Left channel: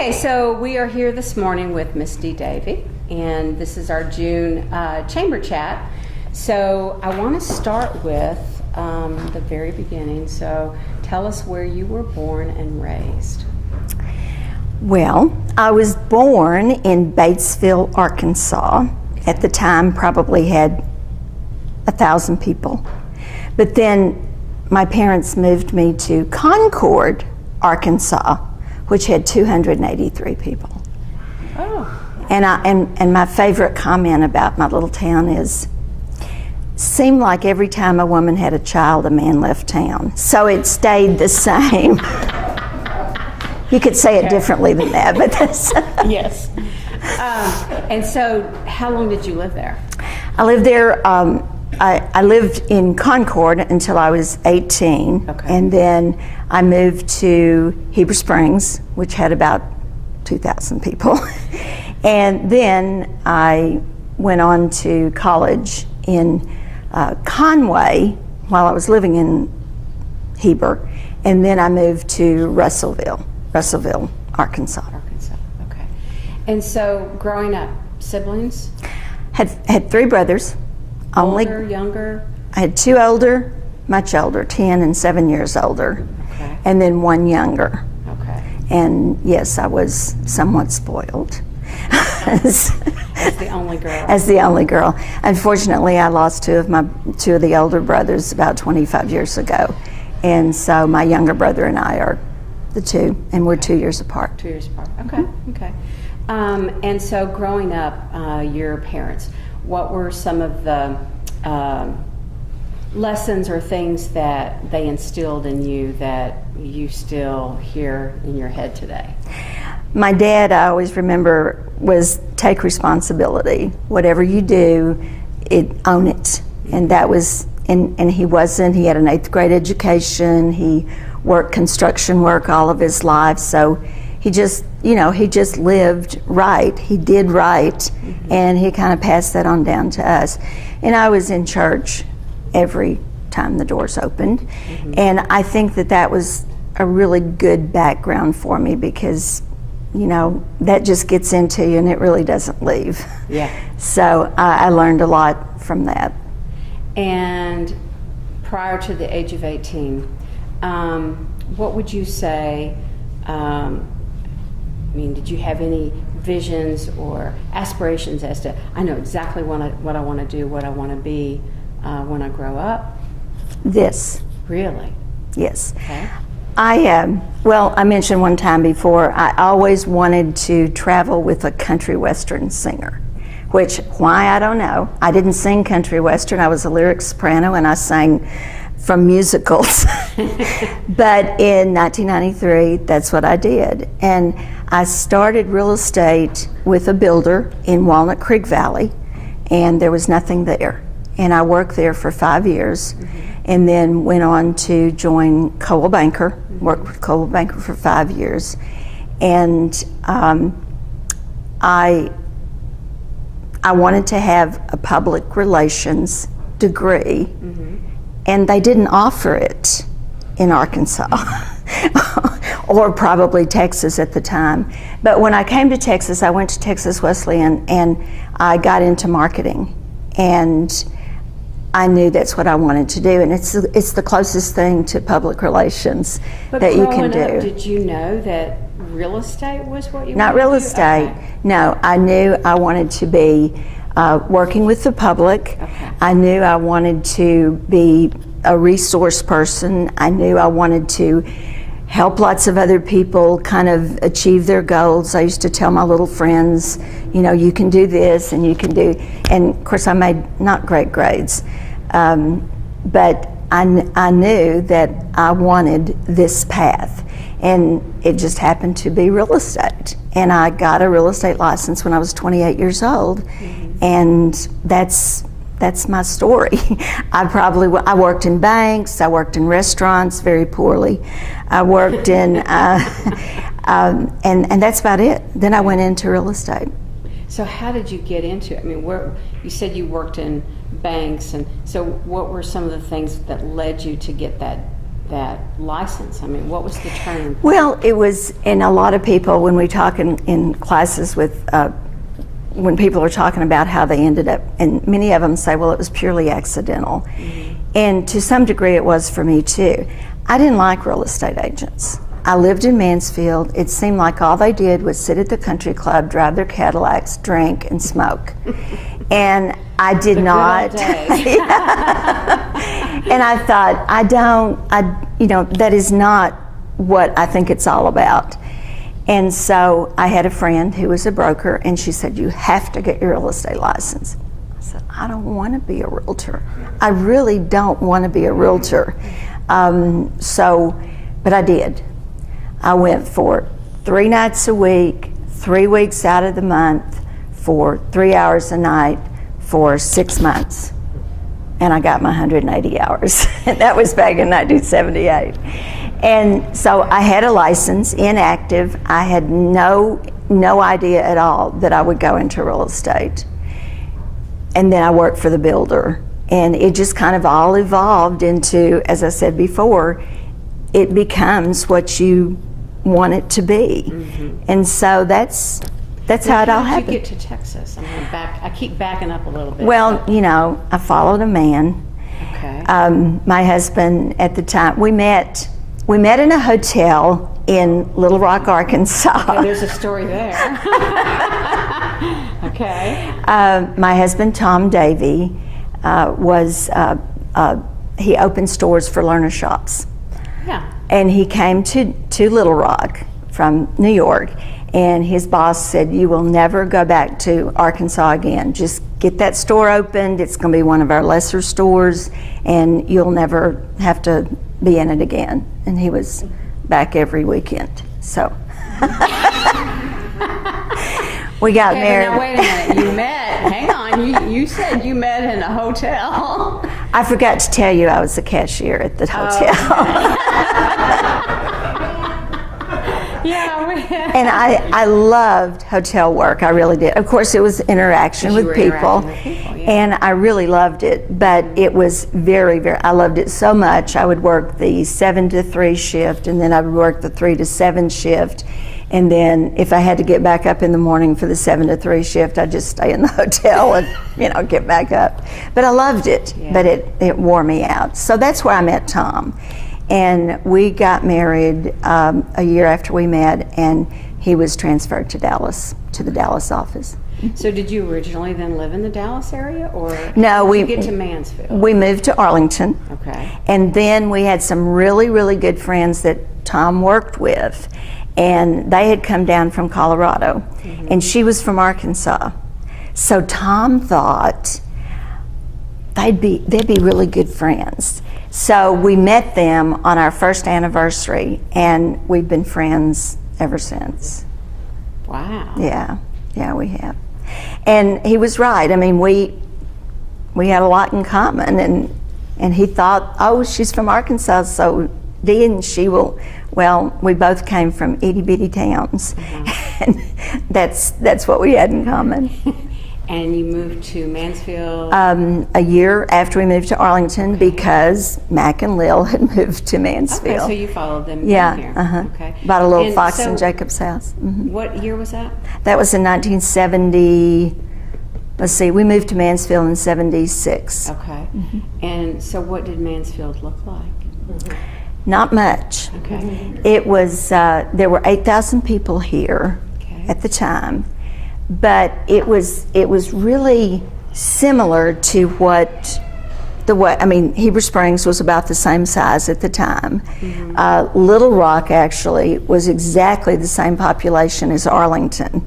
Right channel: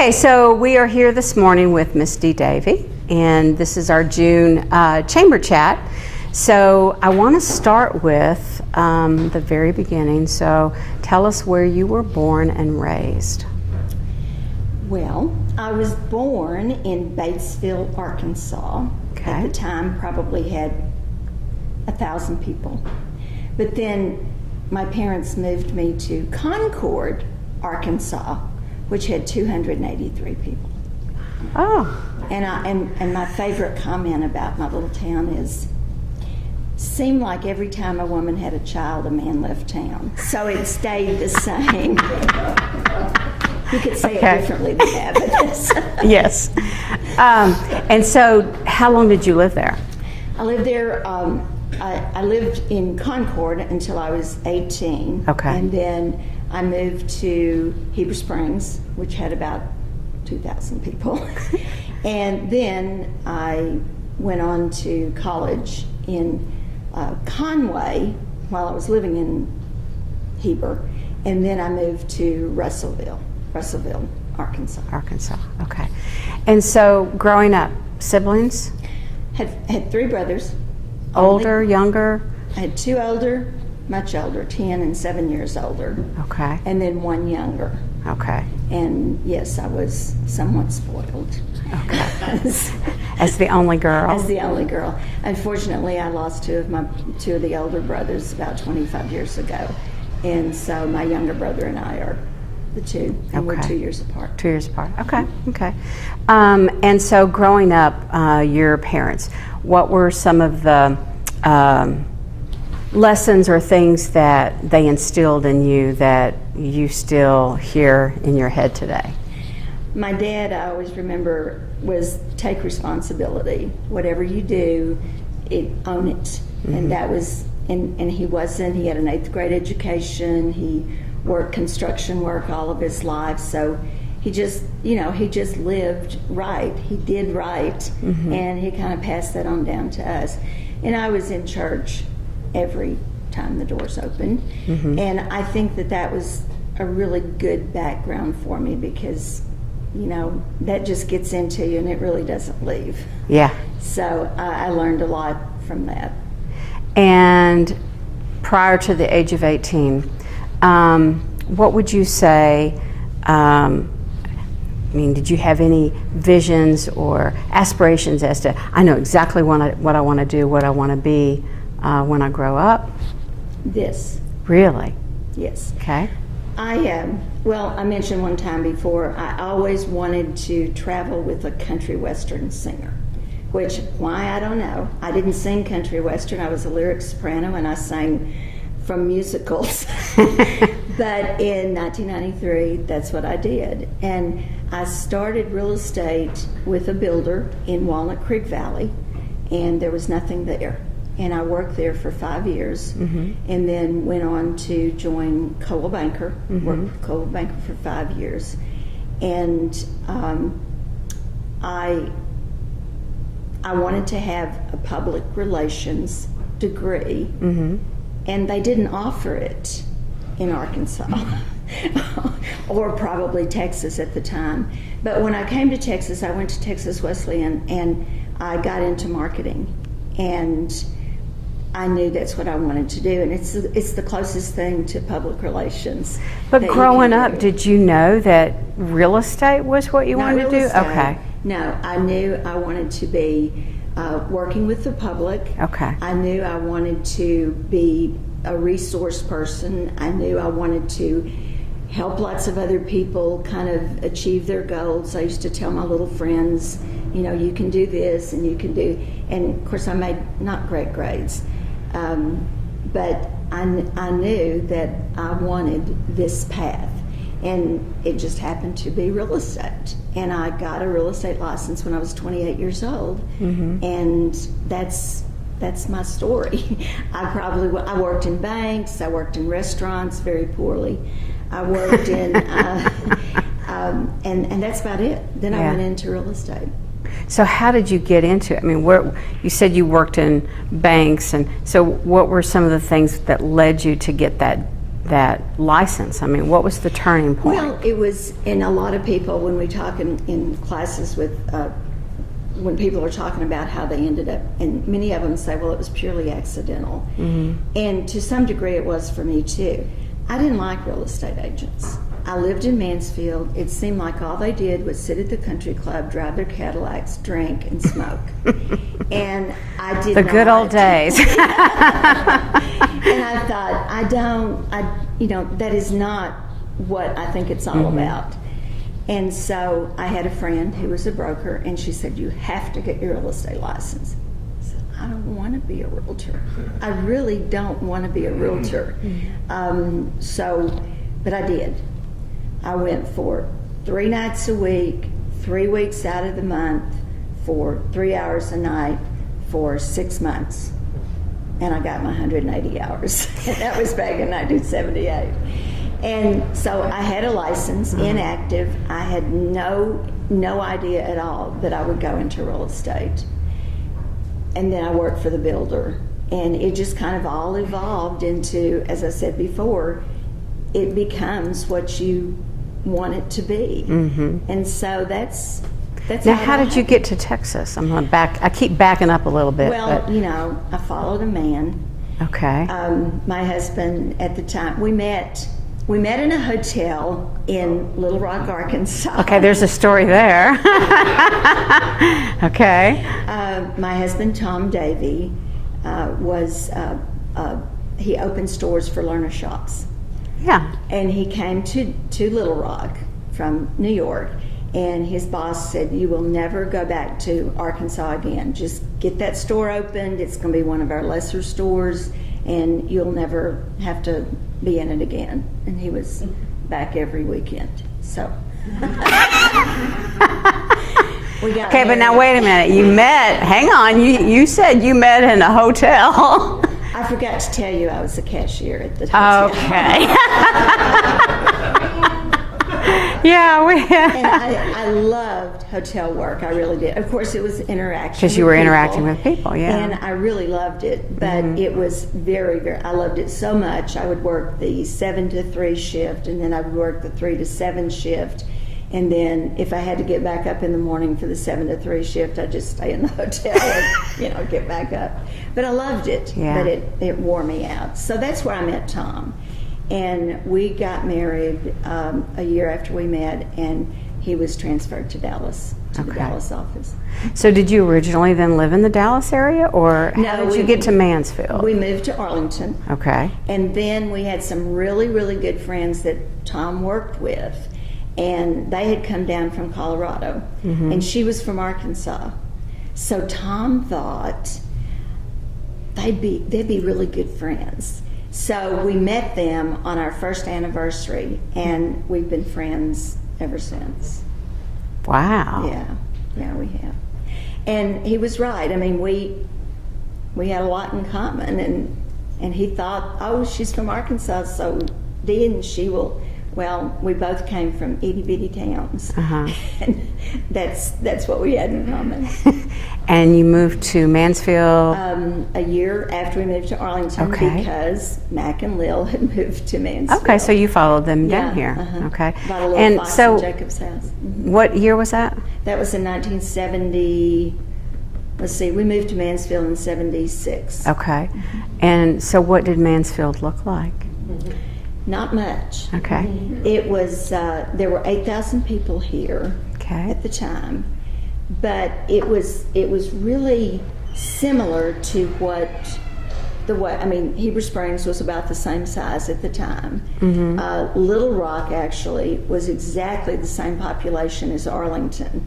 Okay, so we are here this morning with Miss Dee Davey, and this is our June chamber chat. So I want to start with the very beginning. So tell us where you were born and raised. Well, I was born in Batesville, Arkansas. Okay. At the time, probably had 1,000 people. But then my parents moved me to Concord, Arkansas, which had 283 people. Oh. And my favorite comment about my little town is, seemed like every time a woman had a child, a man left town. So it stayed the same. You could say it differently than that, but that's Yes. And so how long did you live there? I lived there. I lived in Concord until I was 18. Okay. And then I moved to Heber Springs, which had about 2,000 people. And then I went on to college in Conway while I was living in Heber. And then I moved to Russellville, Arkansas. Arkansas, okay. And so growing up, siblings? Had 3 brothers. Older, younger? I had 2 older, much older, 10 and 7 years older. Okay. And then 1 younger. Okay. And yes, I was somewhat spoiled. As the only girl? As the only girl. Unfortunately, I lost two of the older brothers about 25 years ago. And so my younger brother and I are the two, and we're 2 years apart. 2 years apart, okay, okay. And so growing up, your parents, what were some of the lessons or things that they instilled in you that you still hear in your head today? My dad, I always remember, was take responsibility. Whatever you do, own it. Mm-hmm. And that was, and he wasn't, he had an 8th grade education, he worked construction work all of his life, so he just, he just lived right. He did right, mm-hmm. and he kind of passed that on down to us. And I was in church every time the doors opened, mm-hmm. and I think that was a really good background for me because, that just gets into you and it really doesn't leave. Yeah. So I learned a lot from that. And prior to the age of 18, what would you say, did you have any visions or aspirations as to, I know exactly what I want to do, what I want to be when I grow up? This. Really? Yes. Okay. I mentioned one time before, I always wanted to travel with a country western singer, which, why, I don't know. I didn't sing country western, I was a lyric soprano and I sang from musicals. But in 1993, that's what I did. And I started real estate with a builder in Walnut Creek Valley, and there was nothing there. And I worked there for 5 years, mm-hmm. and then went on to join Coldwell Banker, mm-hmm. worked with Coldwell Banker for 5 years. And I wanted to have a public relations degree, mm-hmm. and they didn't offer it in Arkansas, or probably Texas at the time. But when I came to Texas, I went to Texas Wesleyan, and I got into marketing. And I knew that's what I wanted to do, and it's the closest thing to public relations that you can do. But growing up, did you know that real estate was what you wanted to do? Not real estate. Okay. No, I knew I wanted to be working with the public. Okay. I knew I wanted to be a resource person. I knew I wanted to help lots of other people kind of achieve their goals. I used to tell my little friends, you can do this and you can do, and of course I made not great grades, but I knew that I wanted this path, and it just happened to be real estate. And I got a real estate license when I was 28 years old, mm-hmm. and that's my story. I worked in banks, I worked in restaurants very poorly. I worked in, and that's about it. Then I went into real estate. So how did you get into it? You said you worked in banks, and so what were some of the things that led you to get that that license? I mean, what was the turning point? Well, it was, and a lot of people, when we talk in classes with, when people are talking about how they ended up, and many of them say, well, it was purely accidental. And to some degree it was for me too. I didn't like real estate agents. I lived in Mansfield. It seemed like all they did was sit at the country club, drive their Cadillacs, drink, and smoke. And I did not. The good old days. And I thought, that is not what I think it's all about. And so I had a friend who was a broker, and she said, you have to get your real estate license. I said, I don't want to be a realtor. I really don't want to be a realtor. But I did. I went for 3 nights a week, 3 weeks out of the month, for 3 hours a night for 6 months. And I got my 180 hours. And that was back in 1978. And so I had a license, inactive. I had no idea at all that I would go into real estate. And then I worked for the builder. And it just kind of all evolved into, as I said before, it becomes what you want it to be. And so that's how it all happened. How did you get to Texas? I keep backing up a little bit. Well, I followed a man. Okay. My husband at the time, we met in a hotel in Little Rock, Arkansas. Okay, there's a story there. Okay. My husband, Tom Davey, he opened stores for learner shops. Yeah. And he came to Little Rock from New York, and his boss said, you will never go back to Arkansas again. Just get that store opened. It's going to be one of our lesser stores, and you'll never have to be in it again. And he was back every weekend. So we got married. Okay, but now wait a minute. Hang on, you said you met in a hotel. I forgot to tell you I was the cashier at the hotel. Okay. Yeah. And I loved hotel work. I really did. Of course, it was interaction with people. You were interacting with people, yeah. And I really loved it. But it was very, very, I loved it so much. I would work the 7 to 3 shift, and then I would work the 3 to 7 shift. And then if I had to get back up in the morning for the 7 to 3 shift, I'd just stay in the hotel and, get back up. But I loved it, but it wore me out. So that's where I met Tom. And we got married a year after we met, and he was transferred to Dallas, to the Dallas office. So did you originally then live in the Dallas area, or no, how did you get to Mansfield? We moved to Arlington. Okay. And then we had some really, really good friends that Tom worked with. And they had come down from Colorado, and she was from Arkansas. So Tom thought they'd be really good friends. So we met them on our first anniversary, and we've been friends ever since. Wow. Yeah, we have. And he was right. I mean, we had a lot in common, and he thought, oh, she's from Arkansas, so Dee and she will. Well, we both came from itty-bitty towns, and that's what we had in common. And you moved to Mansfield? A year after we moved to Arlington, because Mac and Lil had moved to Mansfield. Okay, so you followed them here. Okay. Bought a little Fox in Jacob's house. What year was that? That was in 1970. Let's see, we moved to Mansfield in 76. Okay. And so what did Mansfield look like? Not much. Okay. It was, there were 8,000 people here at the time, but it was really similar to Heber Springs was about the same size at the time. Little Rock actually was exactly the same population as Arlington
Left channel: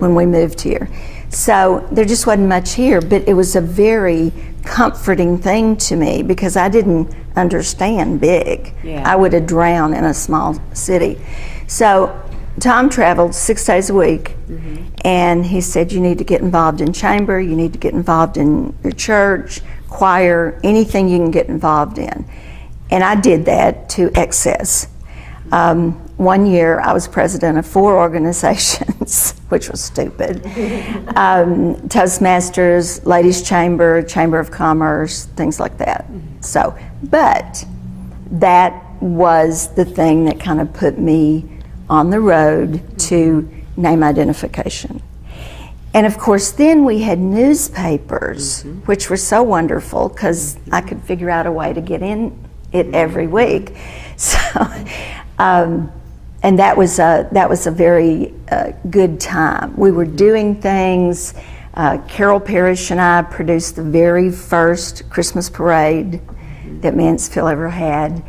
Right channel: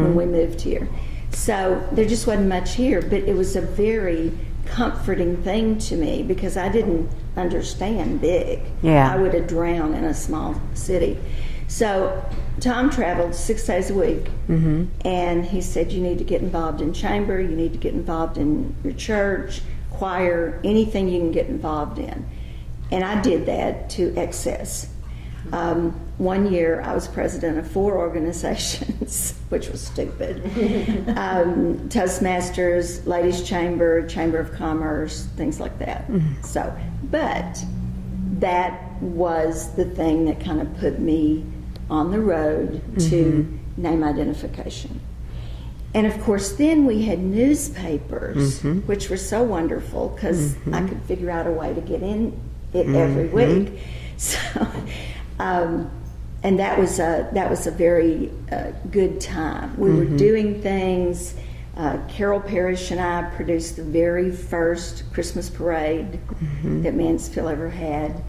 when we moved here. So there just wasn't much here, but it was a very comforting thing to me because I didn't understand big. I would have drowned in a small city. So Tom traveled 6 days a week, and he said, you need to get involved in chamber, you need to get involved in your church, choir, anything you can get involved in. And I did that to excess. 1 year I was president of 4 organizations, which was stupid. Toastmasters, Ladies Chamber, Chamber of Commerce, things like that. So, but that was the thing that kind of put me on the road to name identification. And of course, then we had newspapers, which were so wonderful because I could figure out a way to get in it every week. So, and that was a very good time. We were doing things. Carol Parrish and I produced the very first Christmas parade that Mansfield ever had.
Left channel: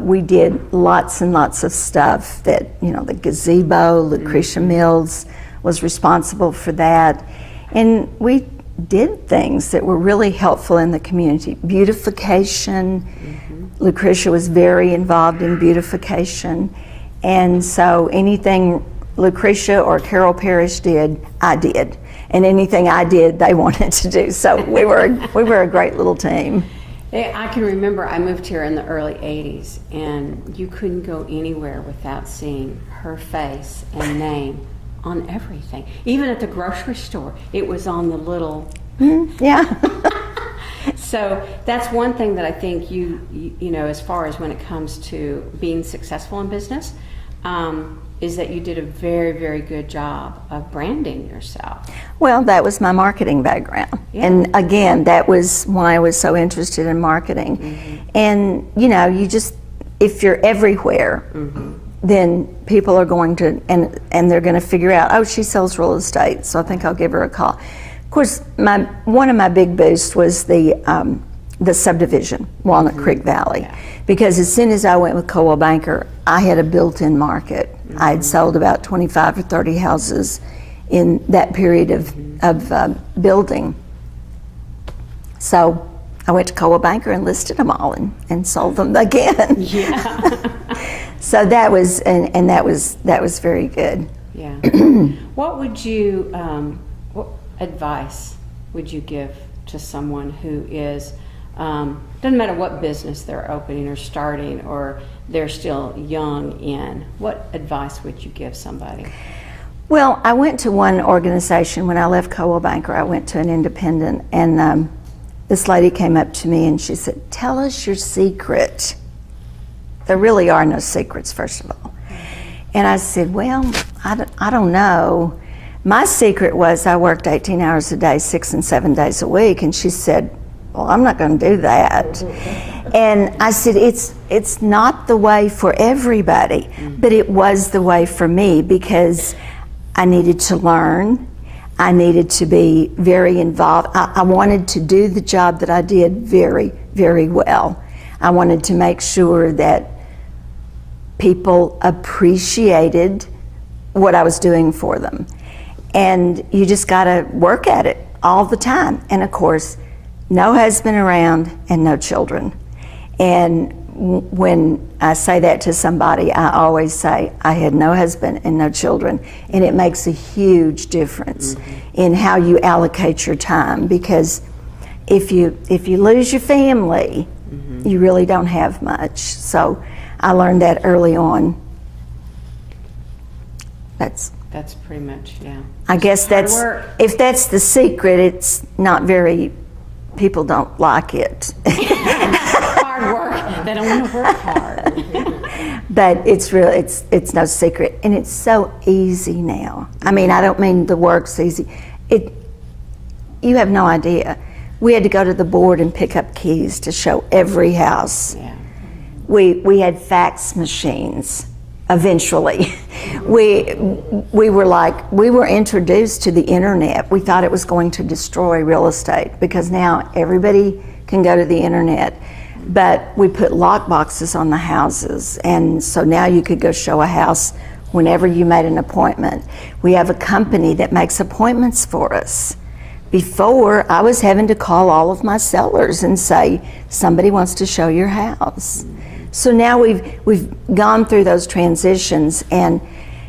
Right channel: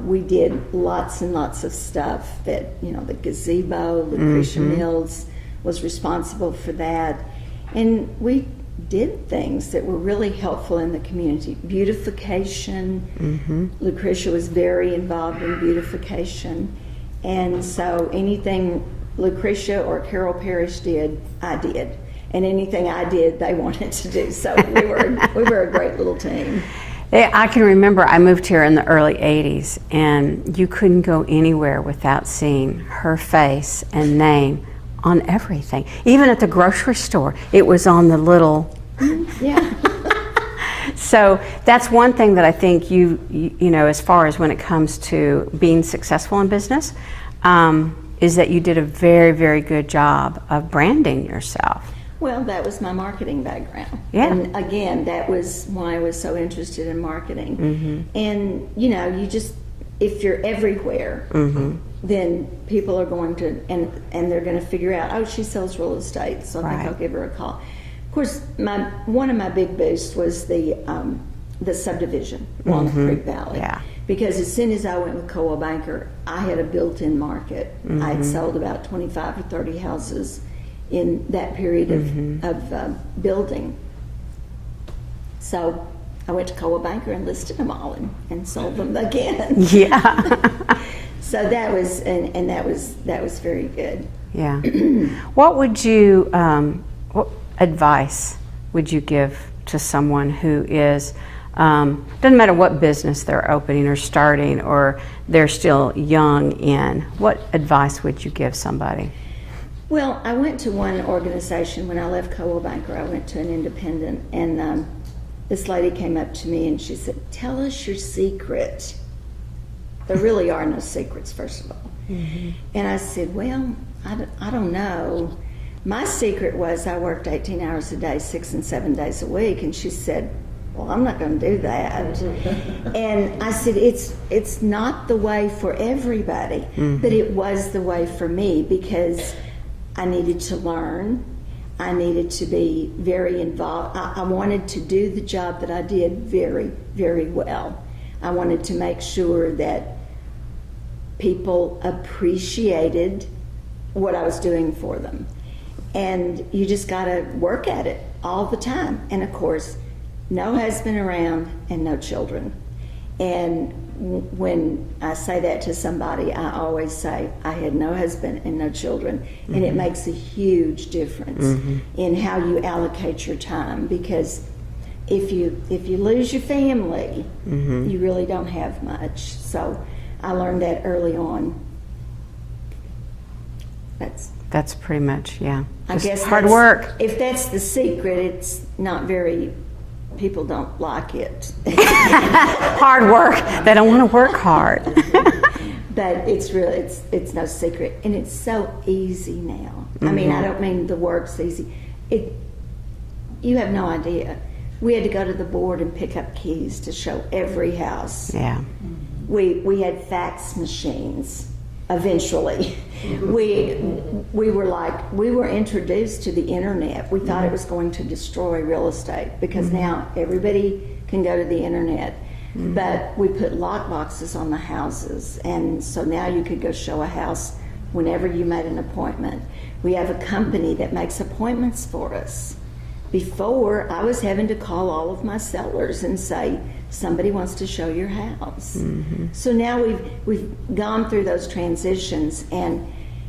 We did lots and lots of stuff that, you know, the gazebo, Lucretia Mills was responsible for that. And we did things that were really helpful in the community. Beautification, Lucretia was very involved in beautification. And so anything Lucretia or Carol Parrish did, I did. And anything I did, they wanted to do. So we were a great little team. I can remember I moved here in the early 80s, and you couldn't go anywhere without seeing her face and name on everything. Even at the grocery store, it was on the little... Yeah. So that's one thing that I think you know, as far as when it comes to being successful in business, is that you did a very, very good job of branding yourself. Well, that was my marketing background. Yeah. And again, that was why I was so interested in marketing. And, you know, you just, if you're everywhere, then people are going to, and they're going to figure out, oh, she sells real estate, so I think I'll give her a call. Of course, one of my big boosts was the subdivision, Walnut Creek Valley. Because as soon as I went with Coldwell Banker, I had a built-in market. I had sold about 25 or 30 houses in that period of building. So I went to Coldwell Banker and listed them all and sold them again. Yeah. So that was and that was very good. Yeah. What would you what advice would you give to someone who is doesn't matter what business they're opening or starting, or they're still young in, what advice would you give somebody? Well, I went to one organization when I left Coldwell Banker. I went to an independent, and this lady came up to me and she said, "Tell us your secret." There really are no secrets, first of all. And I said, well, I don't know. My secret was I worked 18 hours a day, 6 and 7 days a week. And she said, well, I'm not going to do that. And I said, it's not the way for everybody, but it was the way for me because I needed to learn. I needed to be very involved. I wanted to do the job that I did very, very well. I wanted to make sure that people appreciated what I was doing for them. And you just got to work at it all the time. And of course, no husband around and no children. And when I say that to somebody, I always say, I had no husband and no children. And it makes a huge difference in how you allocate your time, because if you lose your family, you really don't have much. So I learned that early on. That's pretty much, yeah. I guess hard that's work. If that's the secret, it's not very. People don't like it. Hard work. They don't want to work hard. But it's really it's no secret, and it's so easy now. I mean, I don't mean the work's easy. You have no idea. We had to go to the board and pick up keys to show every house. Yeah. We had fax machines. Eventually, we were introduced to the internet. We thought it was going to destroy real estate because now everybody can go to the internet. But we put lock boxes on the houses, and so now you could go show a house whenever you made an appointment. We have a company that makes appointments for us. Before, I was having to call all of my sellers and say, somebody wants to show your house. So now we've gone through those transitions and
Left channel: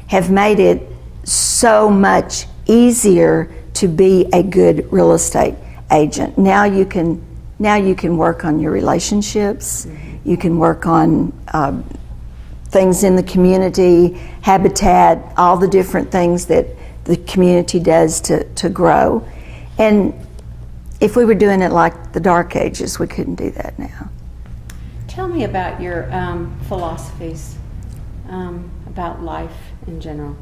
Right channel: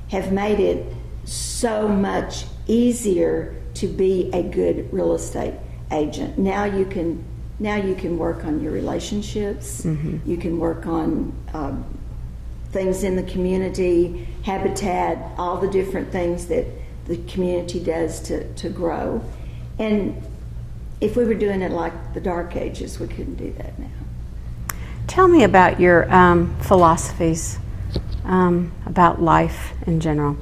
have made it so much easier to be a good real estate agent. Now you can work on your relationships. You can work on things in the community, habitat, all the different things that the community does to grow. And if we were doing it like the Dark Ages, we couldn't do that now. tell me about your philosophies about life in general.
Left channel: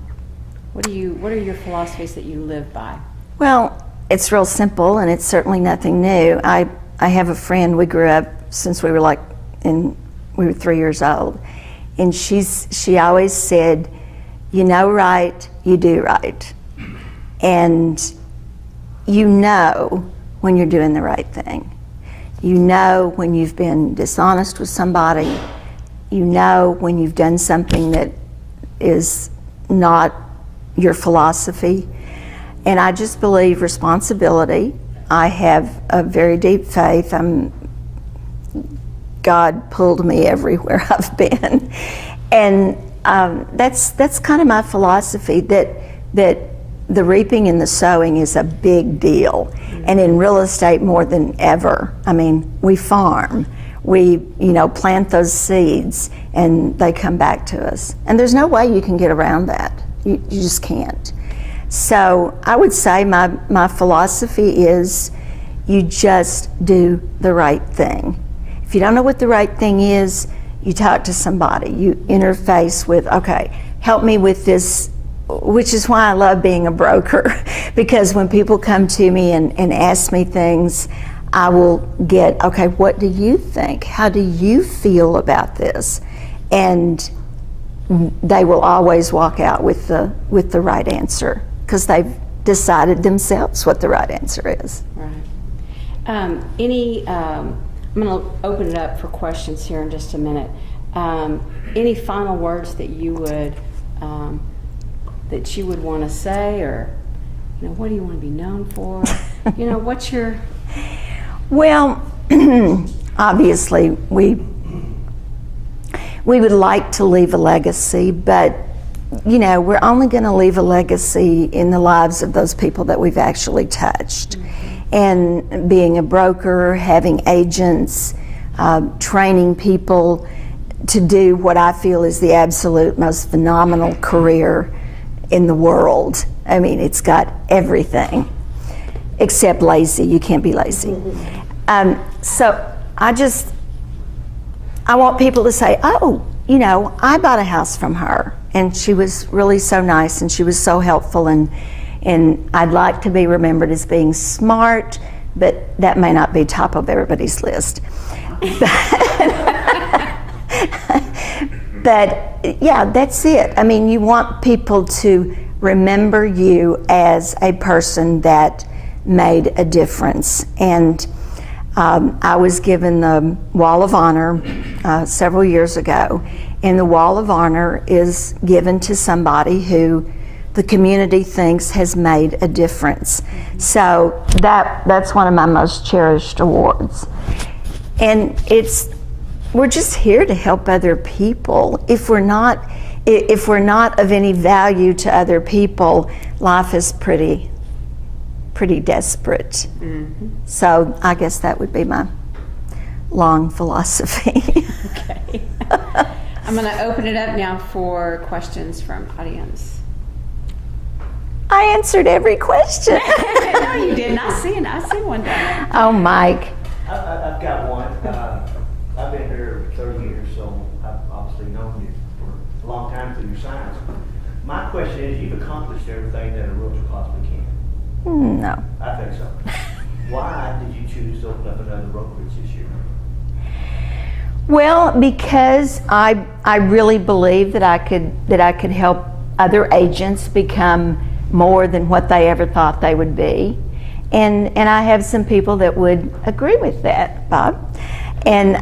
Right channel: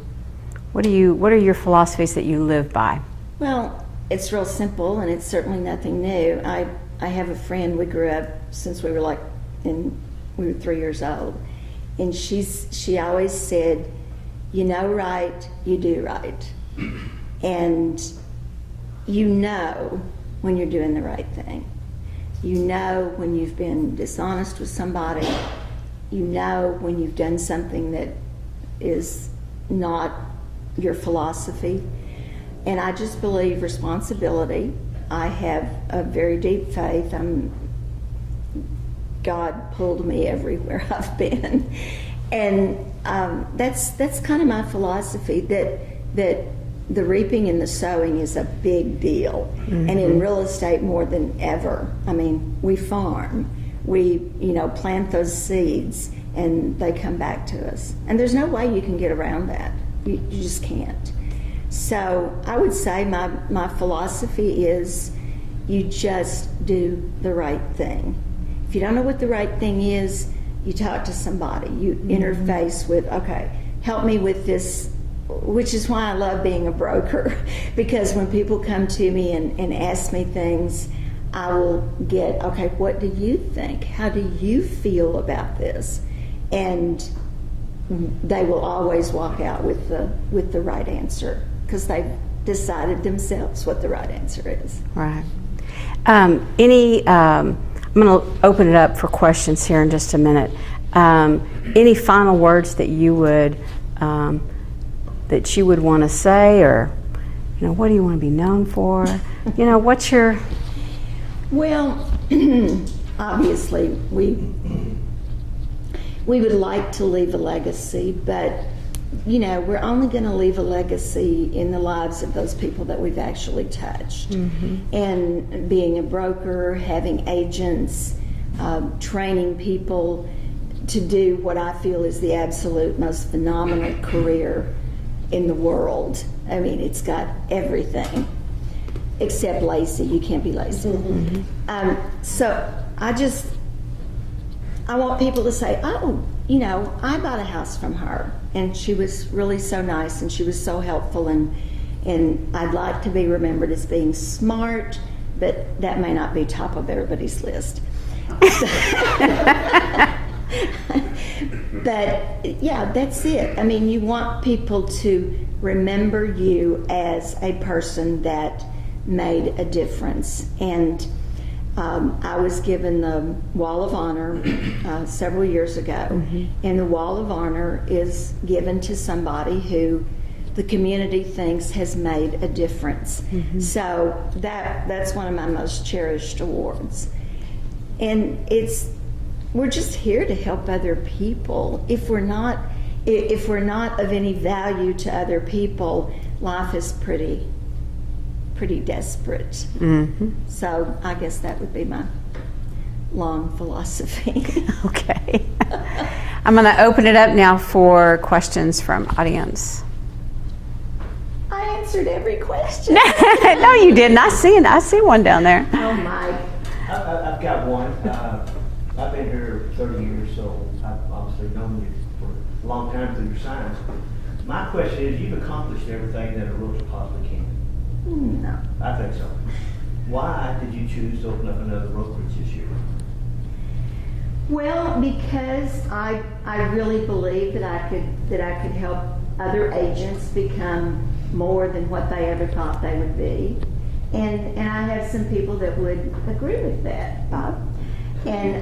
What are your philosophies that you live by? Well, it's real simple, and it's certainly nothing new. I have a friend, we grew up since we were we were 3 years old, and she always said, you know right, you do right. And you know when you're doing the right thing. You know when you've been dishonest with somebody. You know when you've done something that is not your philosophy. And I just believe responsibility. I have a very deep faith. God pulled me everywhere I've been. And that's kind of my philosophy, that the reaping and the sowing is a big deal. Mm-hmm. And in real estate more than ever. I mean, we farm, we plant those seeds, and they come back to us. And there's no way you can get around that. You just can't. So I would say my philosophy is you just do the right thing. If you don't know what the right thing is, you talk to somebody. You interface with, okay, help me with this, which is why I love being a broker, because when people come to me and ask me things, I will get, okay, what do you think? How do you feel about this? And they will always walk out with the right answer, because they've decided themselves what the right answer is. Right. I'm going to open it up for questions here in just a minute. Any final words that you would want to say, or what do you want to be known for? What's your? Well, obviously we would like to leave a legacy, but we're only going to leave a legacy in the lives of those people that we've actually touched. Mm-hmm. And being a broker, having agents, training people to do what I feel is the absolute most phenomenal career in the world. I mean, it's got everything except lazy. You can't be lazy. Mm-hmm. So I want people to say, oh, I bought a house from her, and she was really so nice, and she was so helpful, and I'd like to be remembered as being smart, but that may not be top of everybody's list. But yeah, that's it. I mean, you want people to remember you as a person that made a difference. And I was given the Wall of Honor several years ago, mm-hmm. and the Wall of Honor is given to somebody who the community thinks has made a difference. Mm-hmm. So that's one of my most cherished awards. And we're just here to help other people. If we're not of any value to other people, life is pretty desperate. Mm-hmm. So I guess that would be my long philosophy. Okay. I'm going to open it up now for questions from audience. I answered every question. No, you didn't. I see one down there. Oh, Mike. I've got one. I've been here 30 years, so I've obviously known you for a long time through your science. My question is, you've accomplished everything that a realtor possibly can. No. I think so. Why did you choose to open up another brokerage this year? Well, because I really believe that I could help other agents become more than what they ever thought they would be. And I have some people that would agree with that, Bob. And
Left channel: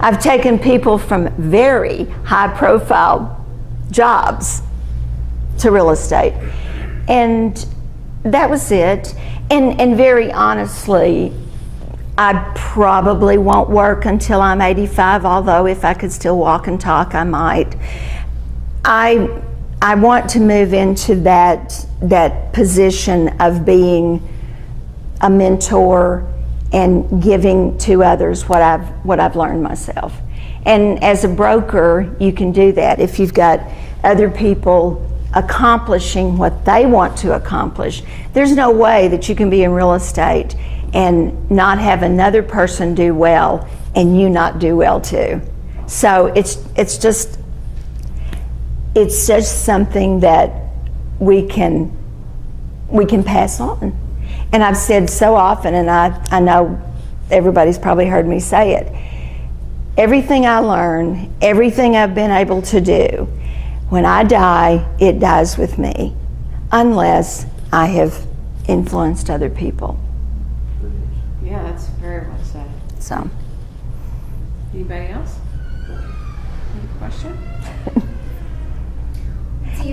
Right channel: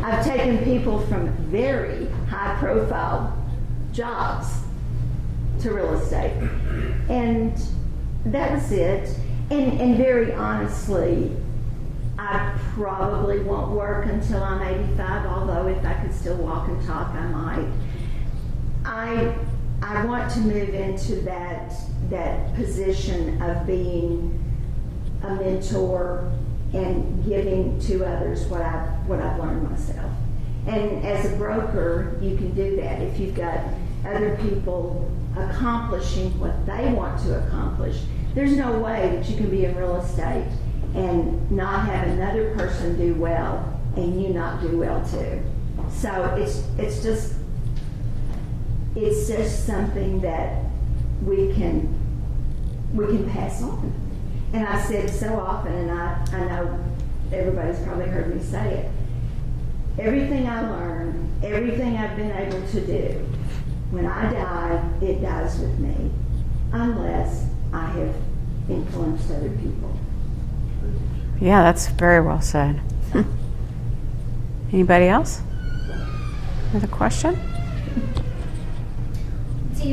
I've taken people from very high-profile jobs to real estate. And that was it. And very honestly, I probably won't work until I'm 85, although if I could still walk and talk, I might. I want to move into that position of being a mentor and giving to others what I've learned myself. And as a broker, you can do that. If you've got other people accomplishing what they want to accomplish, there's no way that you can be in real estate and not have another person do well and you not do well too. So it's just something that we can pass on. And I've said so often, and I know everybody's probably heard me say it, everything I learn, everything I've been able to do, when I die, it dies with me, unless I have influenced other people. Yeah, that's very well said. So, Anybody else? Another question?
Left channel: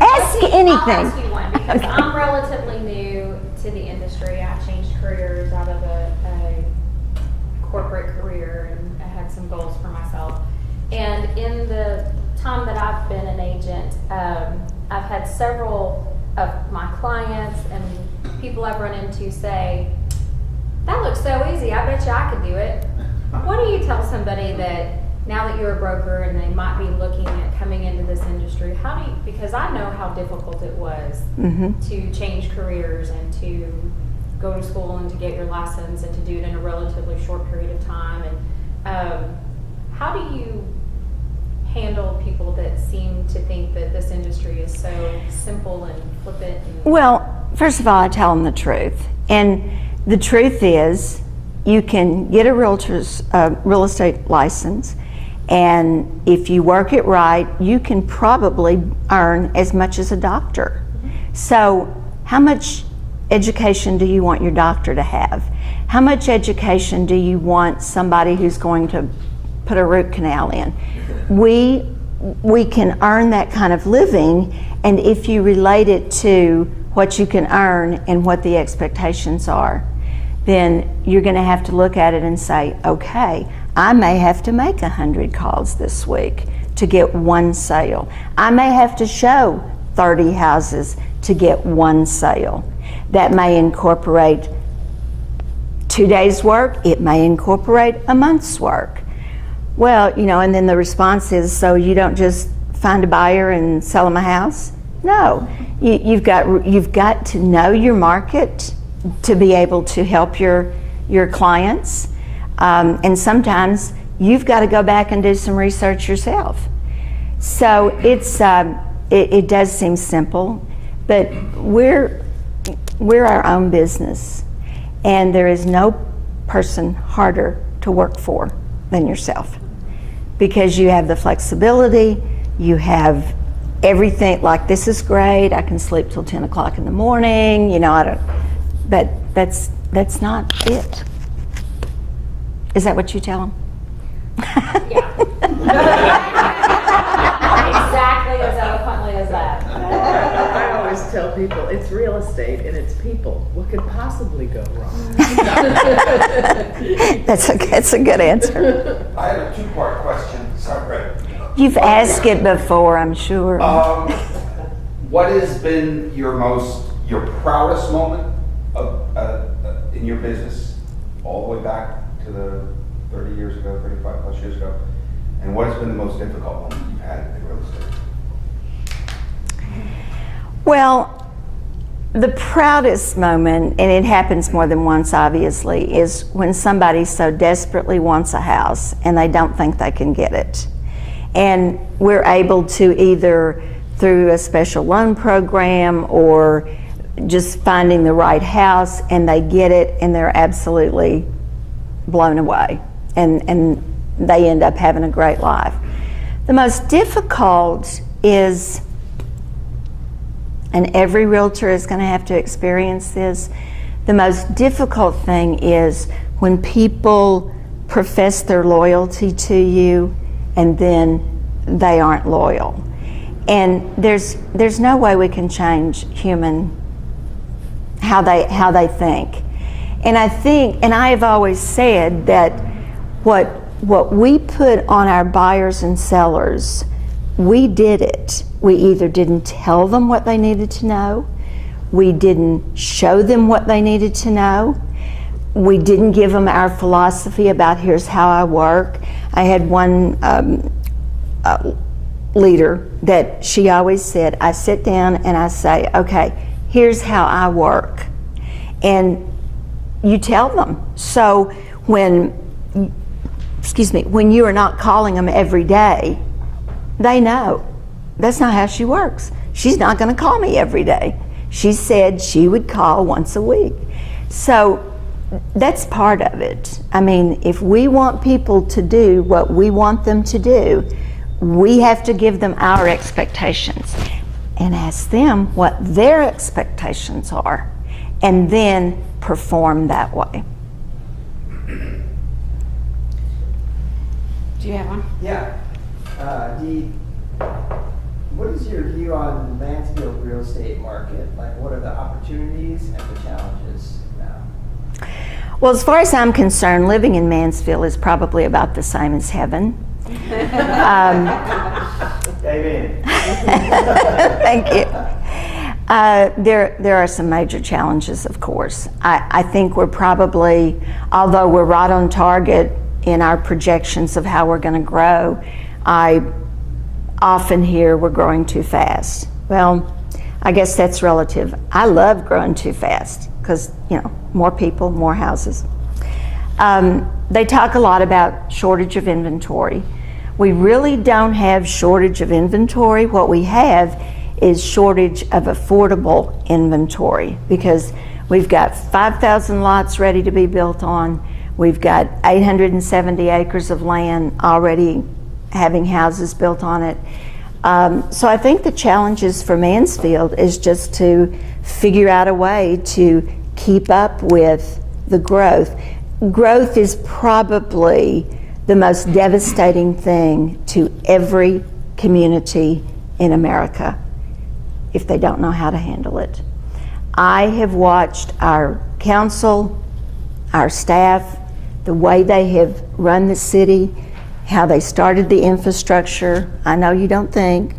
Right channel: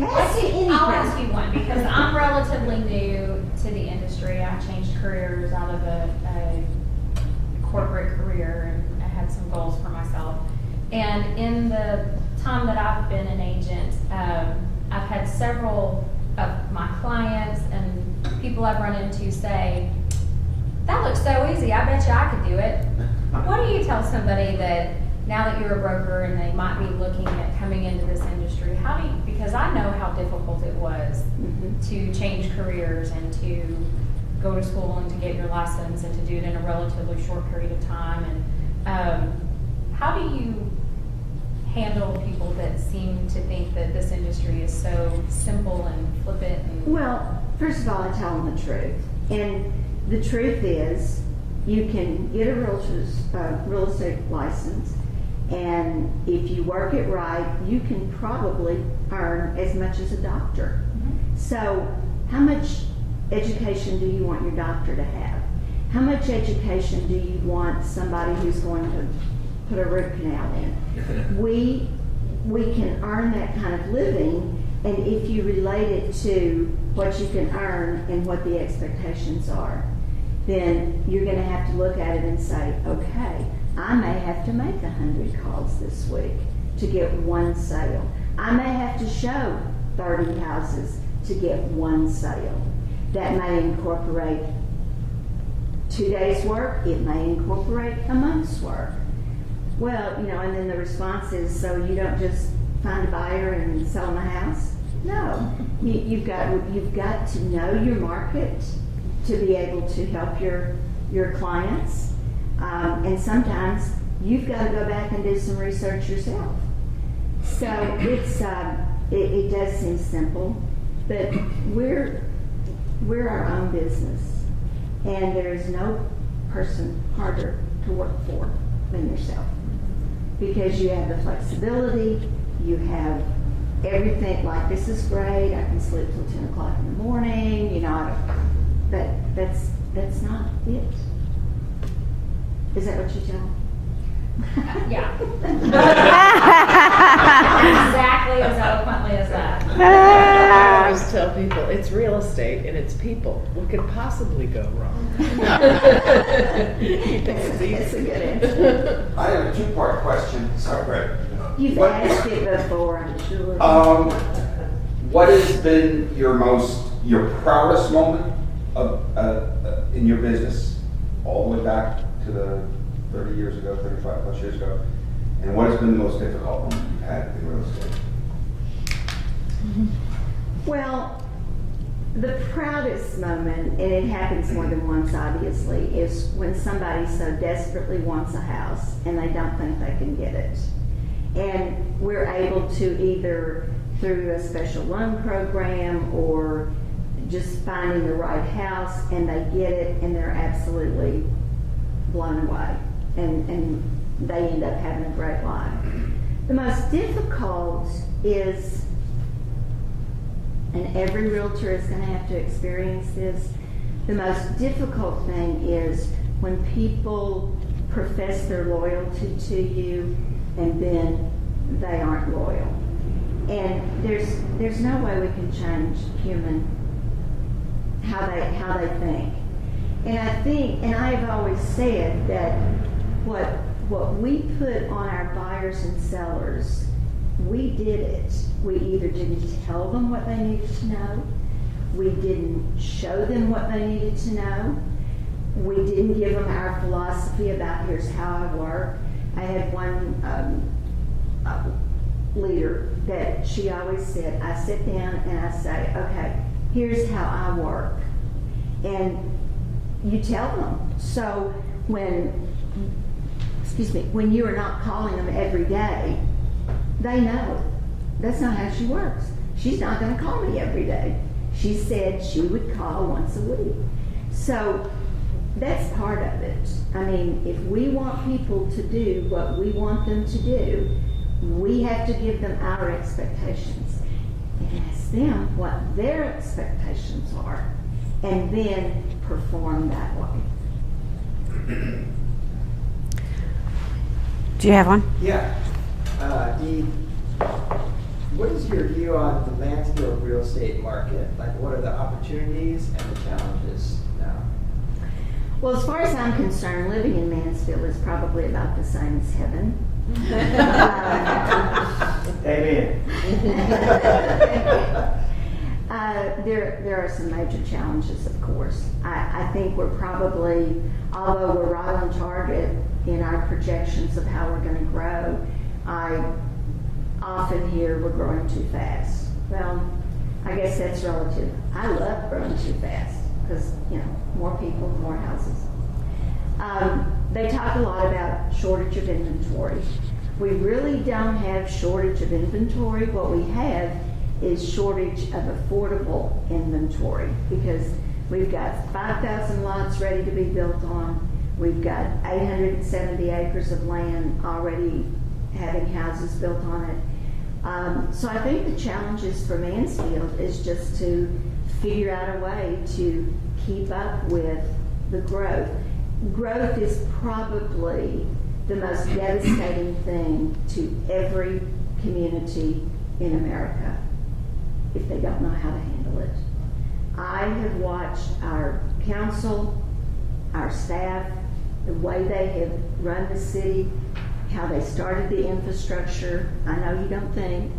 Ask I'll anything. ask you one because I'm relatively new to the industry. I changed careers out of a corporate career, and I had some goals for myself. And in the time that I've been an agent, I've had several of my clients and people I've run into say, "That looks so easy. I bet you I could do it." What do you tell somebody that now that you're a broker and they might be looking at coming into this industry, how do you, because I know how difficult it was to change careers and to go to school and to get your license and to do it in a relatively short period of time, and how do you handle people that seem to think that this industry is so simple and flippant? Well, first of all, I tell them the truth. And the truth is, you can get a realtor's real estate license, and if you work it right, you can probably earn as much as a doctor. So how much education do you want your doctor to have? How much education do you want somebody who's going to put a root canal in? We can earn that kind of living, and if you relate it to what you can earn and what the expectations are, then you're going to have to look at it and say, okay, I may have to make 100 calls this week to get one sale. I may have to show 30 houses to get one sale. That may incorporate 2 days' work. It may incorporate a month's work. Well, you know, and then the response is, so you don't just find a buyer and sell them a house? No, you've got to know your market to be able to help your clients, and sometimes you've got to go back and do some research yourself. So it does seem simple, but we're our own business, and there is no person harder to work for than yourself, because you have the flexibility, you have everything. Like, this is great, I can sleep till 10 o'clock in the morning, you know, but that's not it. Is that what you tell them? Yeah. Exactly as eloquently as that. I always tell people, it's real estate and it's people. What could possibly go wrong? That's a good answer. I have a two-part question. Sorry, Brett. You've asked it before, I'm sure. What has been your proudest moment in your business, all the way back to the 30 years ago, 35 plus years ago? And what has been the most difficult moment you've had in real estate? Well, the proudest moment, and it happens more than once obviously, is when somebody so desperately wants a house and they don't think they can get it. And we're able to, either through a special loan program or just finding the right house, and they get it and they're absolutely blown away, and they end up having a great life. The most difficult is, and every realtor is going to have to experience this, the most difficult thing is when people profess their loyalty to you and then they aren't loyal. And there's no way we can change how they think. And I think, and I have always said that what we put on our buyers and sellers, we did it. We either didn't tell them what they needed to know, we didn't show them what they needed to know, we didn't give them our philosophy about here's how I work. I had one leader that she always said, I sit down and I say, okay, here's how I work. And you tell them. So when you are not calling them every day, they know that's not how she works. She's not going to call me every day. She said she would call once a week. So that's part of it. I mean, if we want people to do what we want them to do, we have to give them our expectations and ask them what their expectations are, and then perform that way. Do you have one? Yeah. Dee, what is your view on the Mansfield real estate market? Like, what are the opportunities and the challenges now? Well, as far as I'm concerned, living in Mansfield is probably about the same as heaven. Amen. Thank you. There are some major challenges, of course. I think we're probably, although we're right on target in our projections of how we're going to grow, I often hear we're growing too fast. Well, I guess that's relative. I love growing too fast because, more people, more houses. They talk a lot about shortage of inventory. We really don't have shortage of inventory. What we have is shortage of affordable inventory, because we've got 5,000 lots ready to be built on. We've got 870 acres of land already having houses built on it. So I think the challenges for Mansfield is just to figure out a way to keep up with the growth. Growth is probably the most devastating thing to every community in America if they don't know how to handle it. I have watched our council, our staff, the way they have run the city, how they started the infrastructure. I know you don't think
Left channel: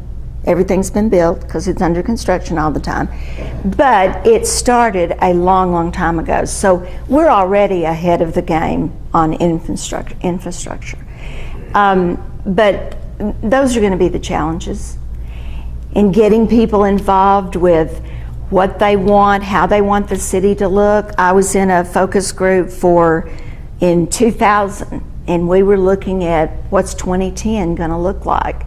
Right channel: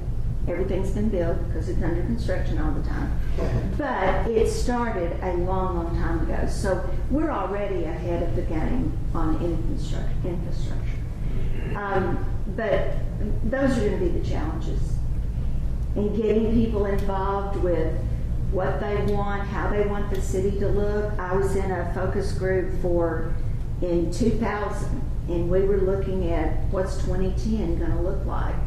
everything's been built because it's under construction all the time, but it started a long, long time ago. So we're already ahead of the game on infrastructure. But those are going to be the challenges in getting people involved with what they want, how they want the city to look. I was in a focus group in 2000, and we were looking at what's 2010 going to look like.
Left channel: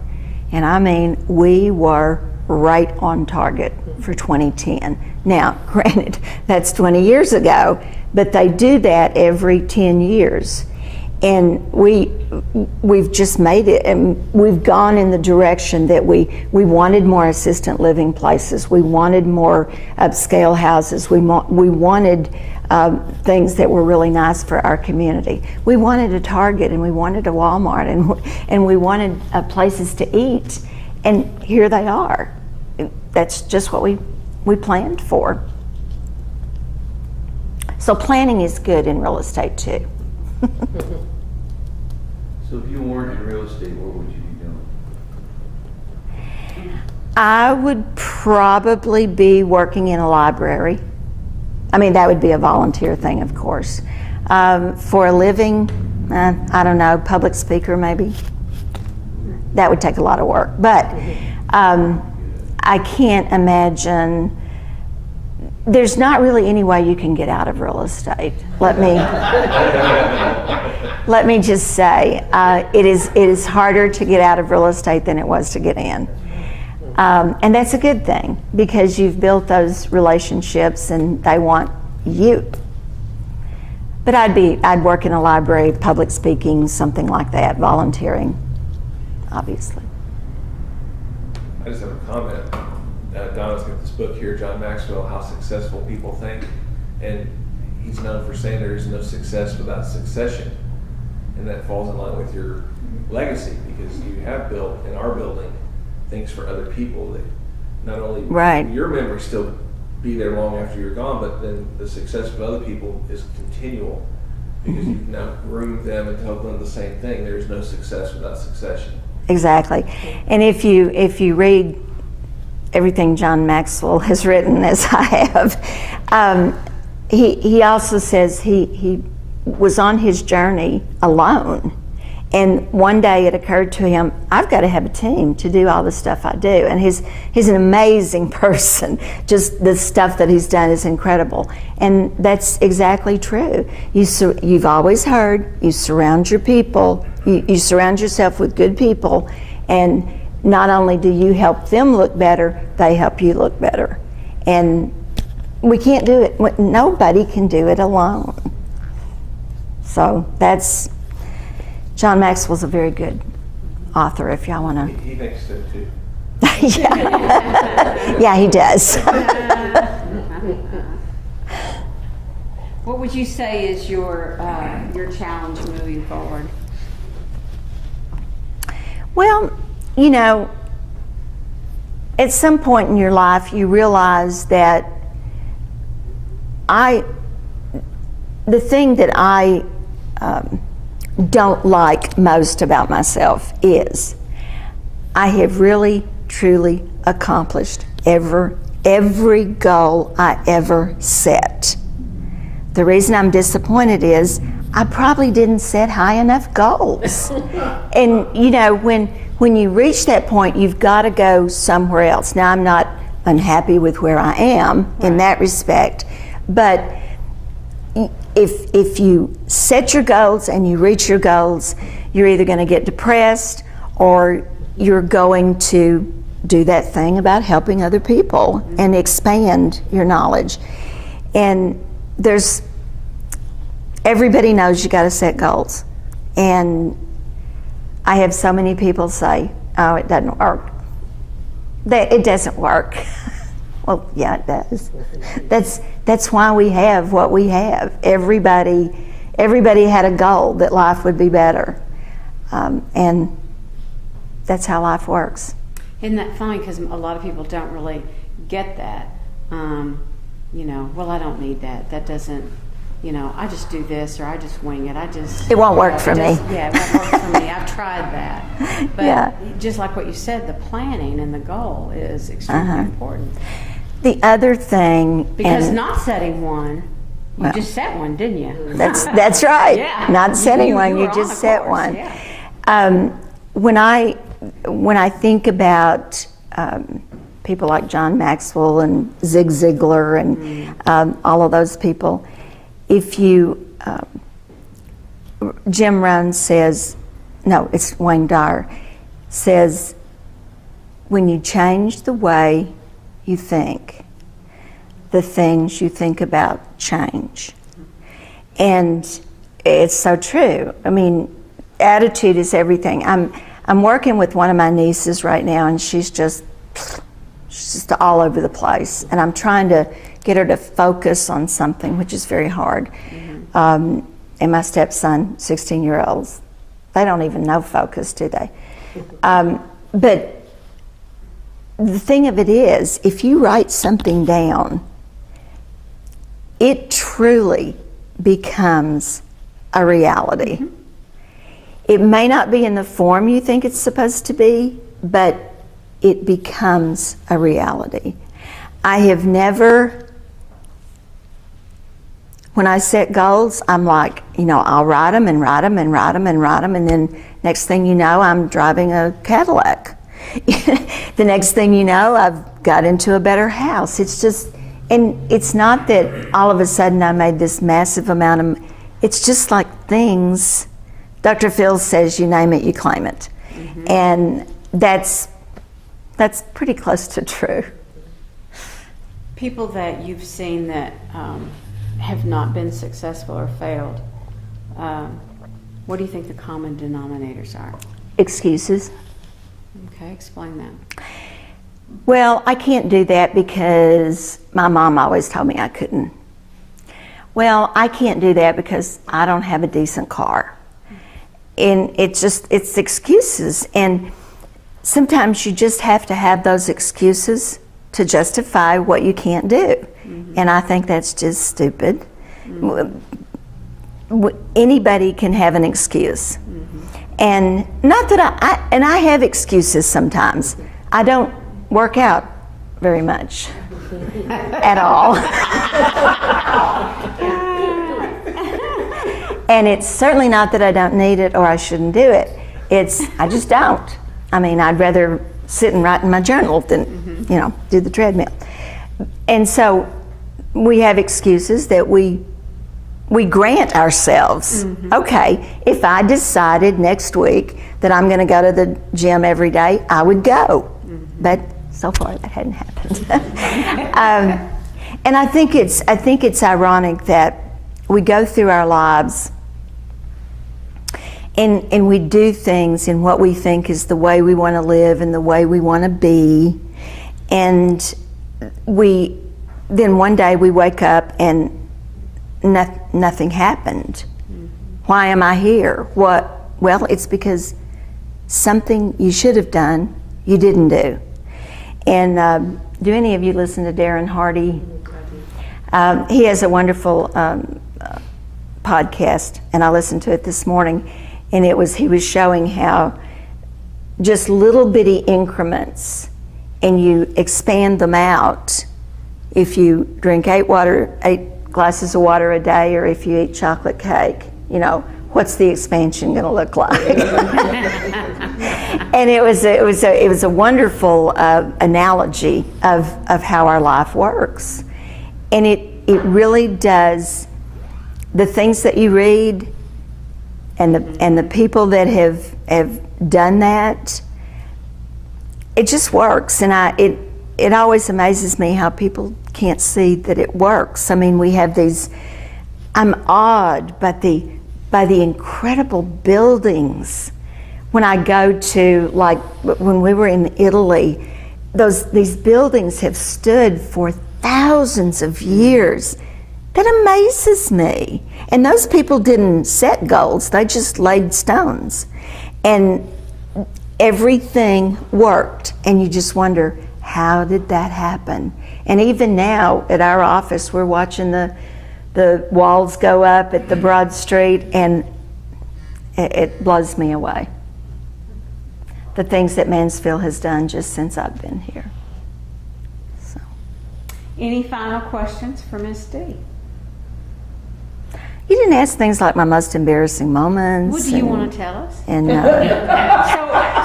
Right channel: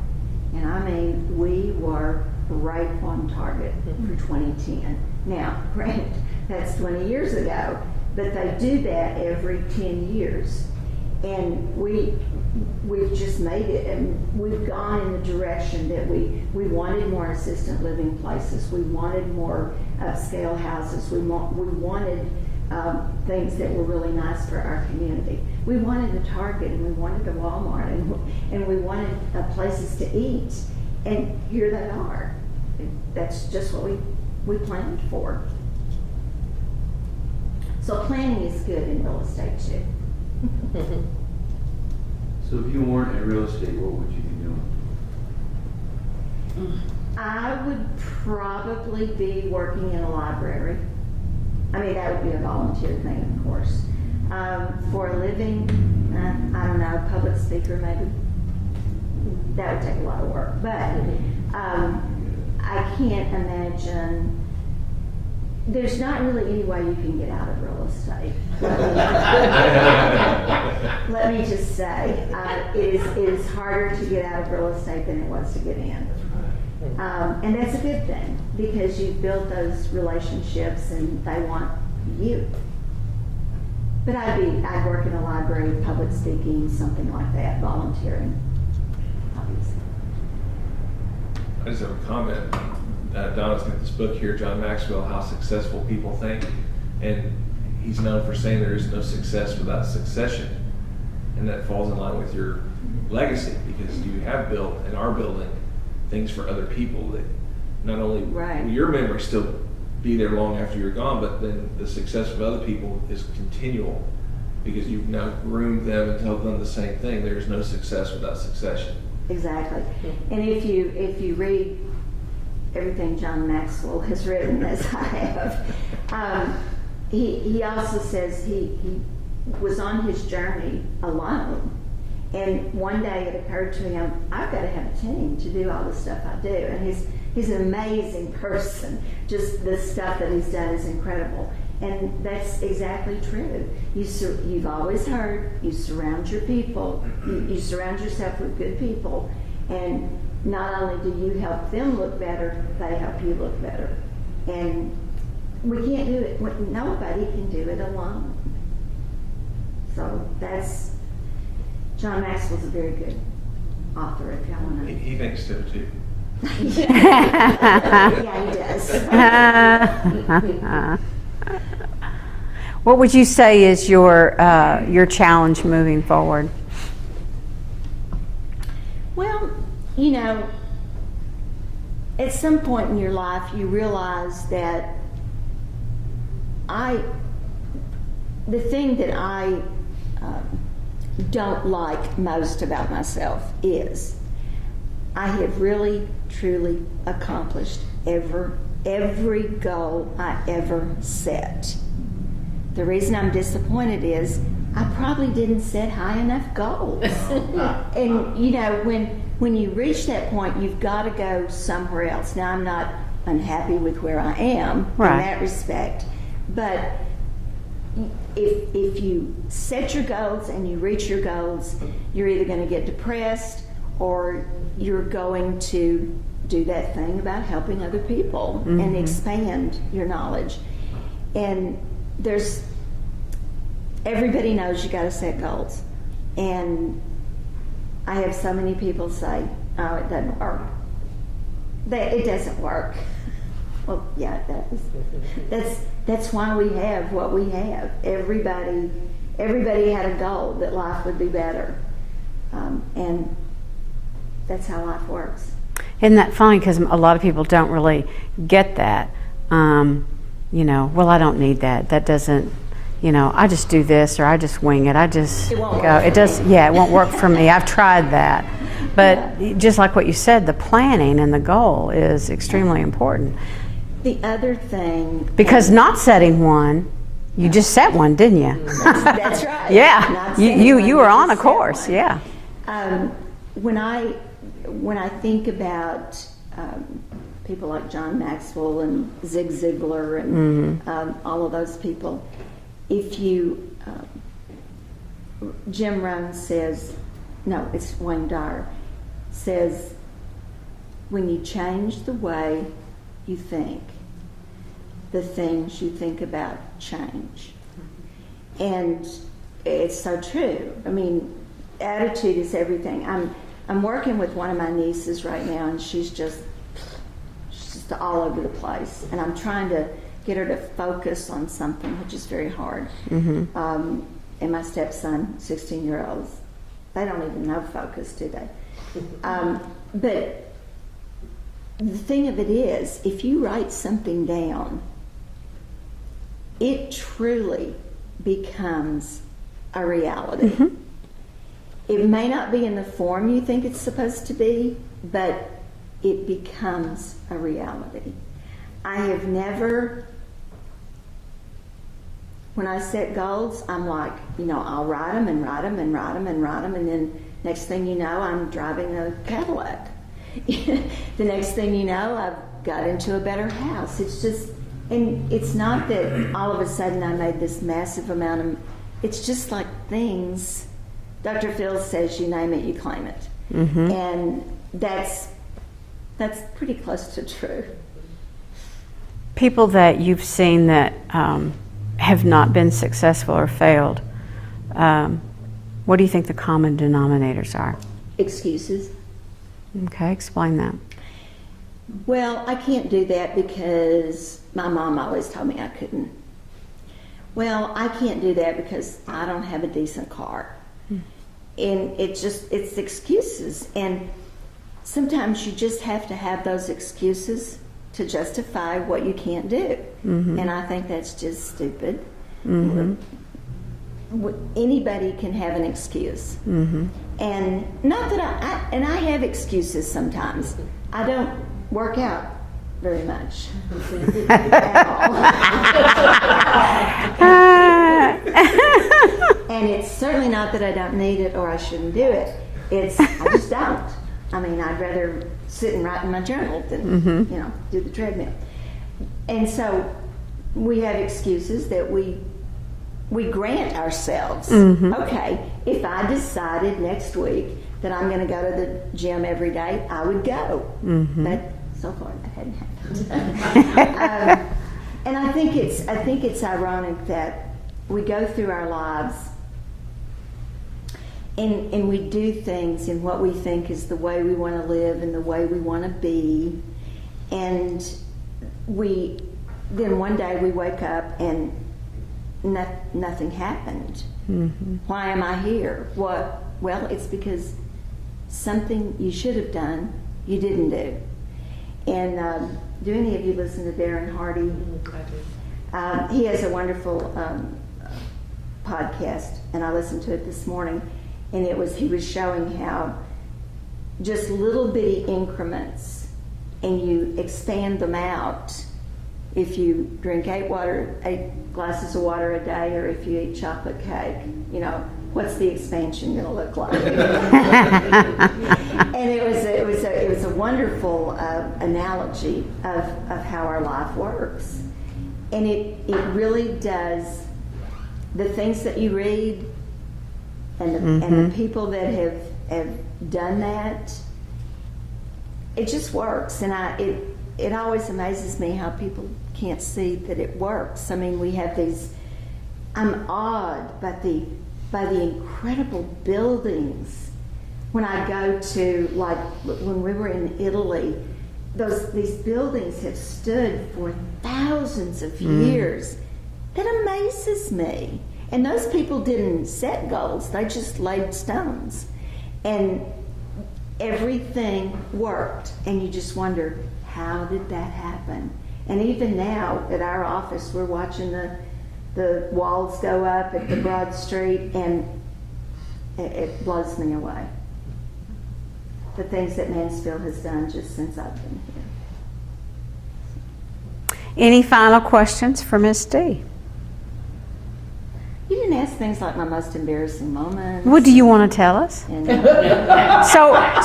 And I mean, we were right on target for 2010. Now, granted, that's 20 years ago, but they do that every 10 years. And we've just made it, and we've gone in the direction that we wanted more assistant living places. We wanted more upscale houses. We wanted things that were really nice for our community. We wanted a Target, and we wanted a Walmart, and we wanted places to eat, and here they are. That's just what we planned for. So planning is good in real estate too. So if you weren't in real estate, what would you be doing? I would probably be working in a library. I mean, that would be a volunteer thing, of course. For a living, I don't know, public speaker maybe. That would take a lot of work. But I can't imagine, there's not really any way you can get out of real estate. Let me just say, it is harder to get out of real estate than it was to get in. And that's a good thing, because you've built those relationships and they want you. But I'd work in a library, public speaking, something like that, volunteering, obviously. I just have a comment. Donna's got this book here, John Maxwell, How Successful People Think, and he's known for saying there is no success without succession, and that falls in line with your legacy, because you have built and are building things for other people that not only Right. will your memory still be there long after you're gone, but then the success of other people is continual, because you've now groomed them and told them the same thing. There's no success without succession. Exactly. And if you read everything John Maxwell has written, as I have, he also says he was on his journey alone, And one day it occurred to him, I've got to have a team to do all the stuff I do. And he's an amazing person. Just the stuff that he's done is incredible. And that's exactly true. You've always heard, you surround your people, you surround yourself with good people, and not only do you help them look better, they help you look better. And we can't do it, nobody can do it alone. So John Maxwell's a very good author, if y'all want to. He thinks so too. Yeah, he does. What would you say is your challenge moving forward? Well, you know, at some point in your life, you realize that the thing that I don't like most about myself is I have really, truly accomplished every goal I ever set. The reason I'm disappointed is I probably didn't set high enough goals. And you know, when you reach that point, you've got to go somewhere else. Now, I'm not unhappy with where I am in that respect, but if you set your goals and you reach your goals, you're either going to get depressed or you're going to do that thing about helping other people and expand your knowledge. And everybody knows you got to set goals. And I have so many people say, oh, it doesn't work. It doesn't work. Well, yeah, it does. That's why we have what we have. Everybody had a goal that life would be better. And that's how life works. Isn't that funny? Because a lot of people don't really get that. You know, well, I don't need that. That doesn't, you know, I just do this or I just wing it. It won't work for me. Yeah, it won't work for me. I've tried that. But just like what you said, the planning and the goal is extremely important. The other thing, Because not setting one, you just set one, didn't you? that's right. Yeah. Not setting one, you were on a just set course. one. Yeah. When I think about people like John Maxwell and Zig Ziglar and all of those people, if you, Jim Rohn says, no, it's Wayne Dyer, says, when you change the way you think, the things you think about change. And it's so true. I mean, attitude is everything. I'm working with one of my nieces right now, and she's just all over the place. And I'm trying to get her to focus on something, which is very hard. And my stepson, 16-year-olds, they don't even know focus, do they? But the thing of it is, if you write something down, it truly becomes a reality. It may not be in the form you think it's supposed to be, but it becomes a reality. I have never, when I set goals, I'm like, you know, I'll write them and write them and write them and write them, and then next thing you know, I'm driving a Cadillac. The next thing you know, I've got into a better house. It's just, and it's not that all of a sudden I made this massive amount of, it's just like things, Dr. Phil says, you name it, you claim it. And that's pretty close to true. People that you've seen that have not been successful or failed, what do you think the common denominators are? Excuses. Okay, explain that. Well, I can't do that because my mom always told me I couldn't. Well, I can't do that because I don't have a decent car. And it's excuses. And sometimes you just have to have those excuses to justify what you can't do. And I think that's just stupid. Anybody can have an excuse. And not that I have excuses sometimes. I don't work out very much at all. And it's certainly not that I don't need it or I shouldn't do it. I just don't. I mean, I'd rather sit and write in my journal than, do the treadmill. And so we have excuses that we grant ourselves. Okay, if I decided next week that I'm going to go to the gym every day, I would go. But so far that hadn't happened. And I think it's ironic that we go through our lives and we do things in what we think is the way we want to live and the way we want to be, and then one day we wake up and nothing happened. Why am I here? What? Well, it's because something you should have done, you didn't do. And do any of you listen to Darren Hardy? He has a wonderful podcast, and I listened to it this morning, and he was showing how just little bitty increments, and you expand them out. If you drink 8 glasses of water a day, or if you eat chocolate cake, what's the expansion going to look like? And it was a wonderful analogy of how our life works, and it really does. The things that you read, and the people that have done that, it just works, and it always amazes me how people can't see that it works. I mean, we have these. I'm awed by the incredible buildings. When I go to, like when we were in Italy, these buildings have stood for thousands of years. That amazes me. And those people didn't set goals, they just laid stones. And everything worked, and you just wonder, how did that happen? And even now at our office, we're watching the walls go up at the Broad Street, and it blows me away. The things that Mansfield has done just since I've been here. So. Any final questions for Miss Dee? You didn't ask things like my most embarrassing moments. What do you want to tell us? And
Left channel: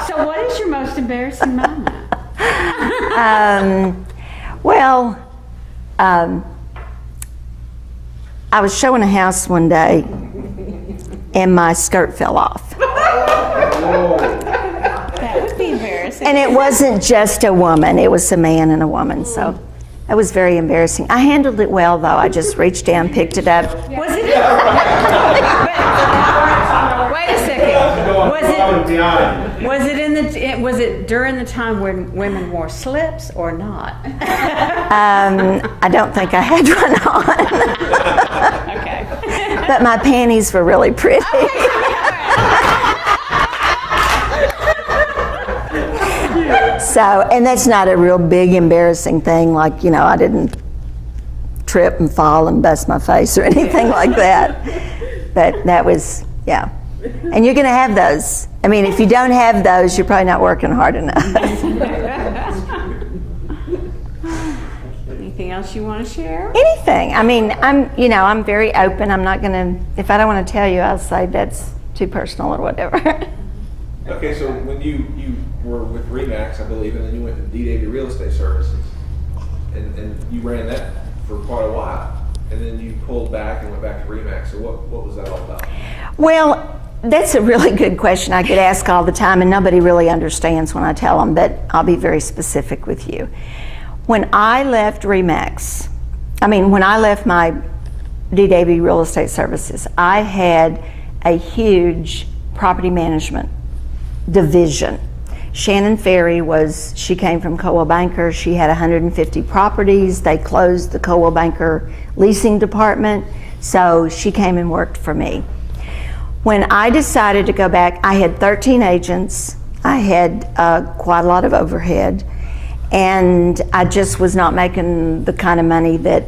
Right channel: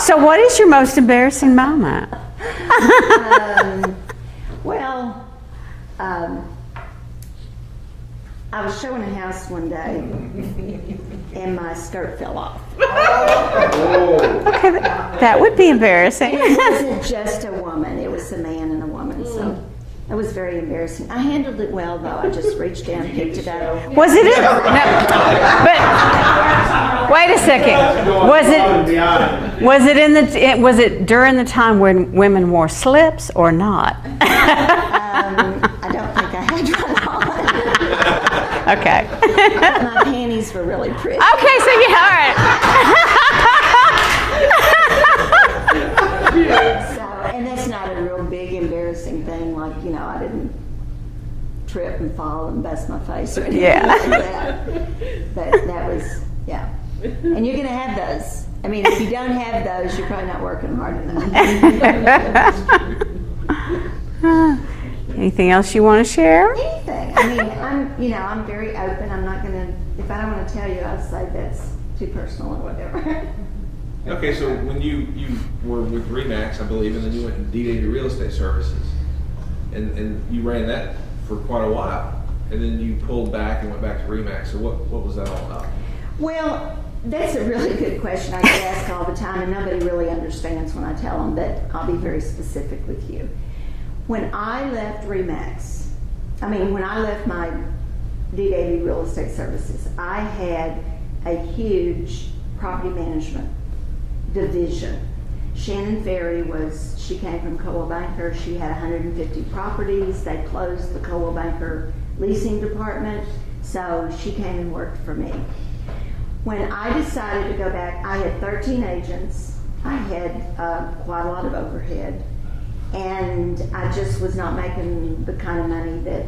So what is your most embarrassing moment? I was showing a house one day, and my skirt fell off. Okay, that would be embarrassing. And it wasn't just a woman, it was a man and a woman, so that was very embarrassing. I handled it well, though. I just reached down, picked it up. Was it? Wait a second. Was it during the time when women wore slips or not? I don't think I had one on. Okay. But my panties were really pretty. Okay, so yeah, all right. So, and that's not a real big embarrassing thing, like, I didn't trip and fall and bust my face or anything like that. But that was, yeah. And you're going to have those. I mean, if you don't have those, you're probably not working hard enough. Anything else you want to share? Anything. I mean, I'm very open. I'm not going to, if I don't want to tell you, I'll say that's too personal or whatever. Okay, so when you were with Remax, I believe, and then you went to Dee Davey Real Estate Services, and you ran that for quite a while, and then you pulled back and went back to Remax. So what was that all about? Well, that's a really good question. I get asked all the time, and nobody really understands when I tell them, but I'll be very specific with you. When I left Remax, when I left my Dee Davey Real Estate Services, I had a huge property management division. Shannon Ferry she came from Coldwell Banker. She had 150 properties. They closed the Coldwell Banker leasing department, so she came and worked for me. When I decided to go back, I had 13 agents. I had quite a lot of overhead, and I just was not making the kind of money that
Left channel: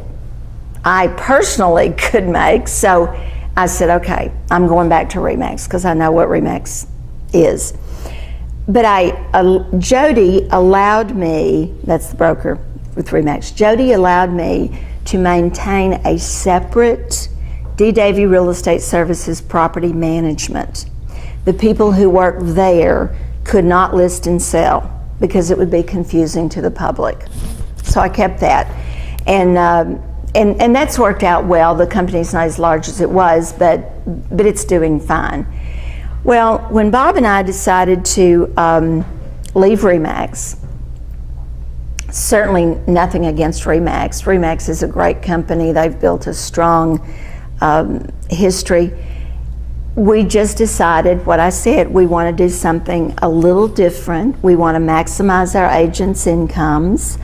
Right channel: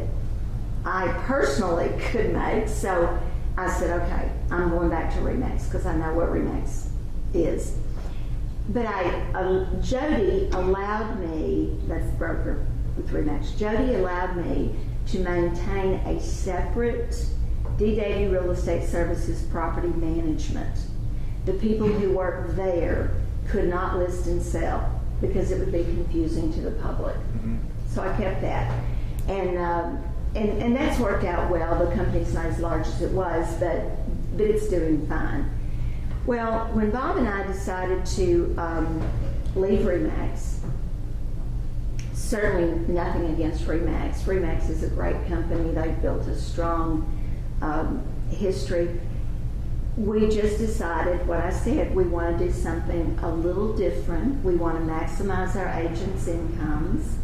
I personally could make. So I said, okay, I'm going back to Remax because I know what Remax is. But Jody allowed me, that's the broker with Remax, Jody allowed me to maintain a separate Dee Davey Real Estate Services Property Management. The people who worked there could not list and sell because it would be confusing to the public. So I kept that. And that's worked out well. The company's not as large as it was, but it's doing fine. Well, when Bob and I decided to leave RE/MAX, certainly nothing against RE/MAX. RE/MAX is a great company. They've built a strong history. We just decided what I said. We want to do something a little different. We want to maximize our agents' incomes.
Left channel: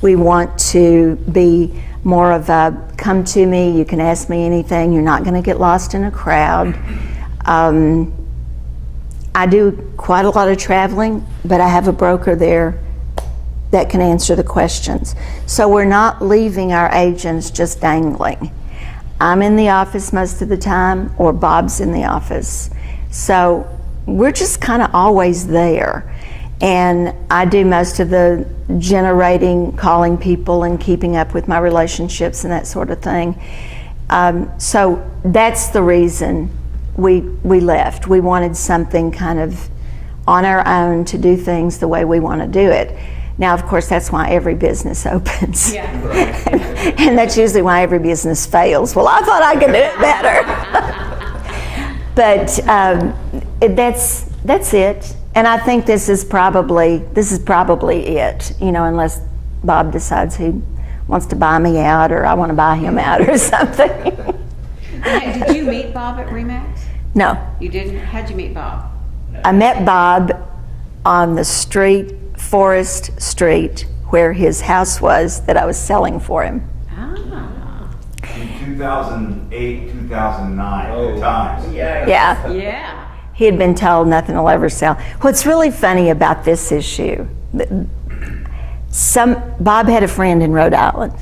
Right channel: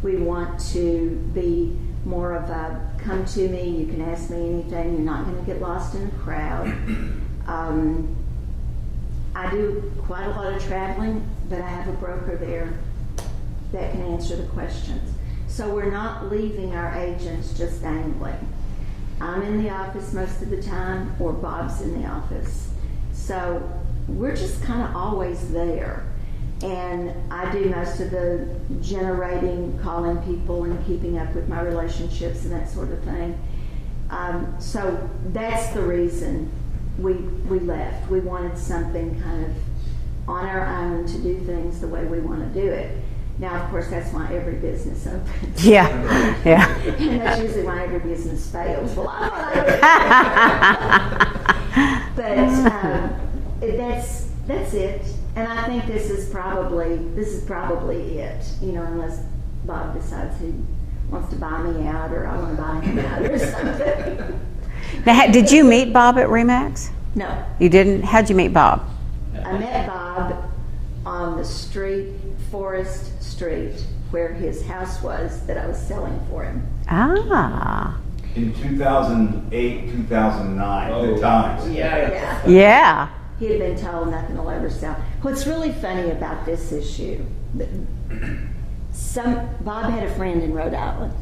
We want to be more of a come to me, you can ask me anything, you're not going to get lost in a crowd. I do quite a lot of traveling, but I have a broker there that can answer the questions. So we're not leaving our agents just dangling. I'm in the office most of the time, or Bob's in the office. So we're just kind of always there. And I do most of the generating, calling people and keeping up with my relationships and that sort of thing. So that's the reason we left. We wanted something kind of on our own to do things the way we want to do it. Now, of course, that's why every business opens. Yeah. And that's usually why every business fails. Well, I thought I could do it better. But that's it. And I think this is probably it, unless Bob decides he wants to buy me out or I want to buy him out or something. Now, did you meet Bob at RE/MAX? No. You didn't? How'd you meet Bob? I met Bob on the street, Forest Street, where his house was that I was selling for him. Ah. In 2008, 2009, good times. Yeah. Yeah. He had been told nothing will ever sell. What's really funny about this issue, Bob had a friend in Rhode Island,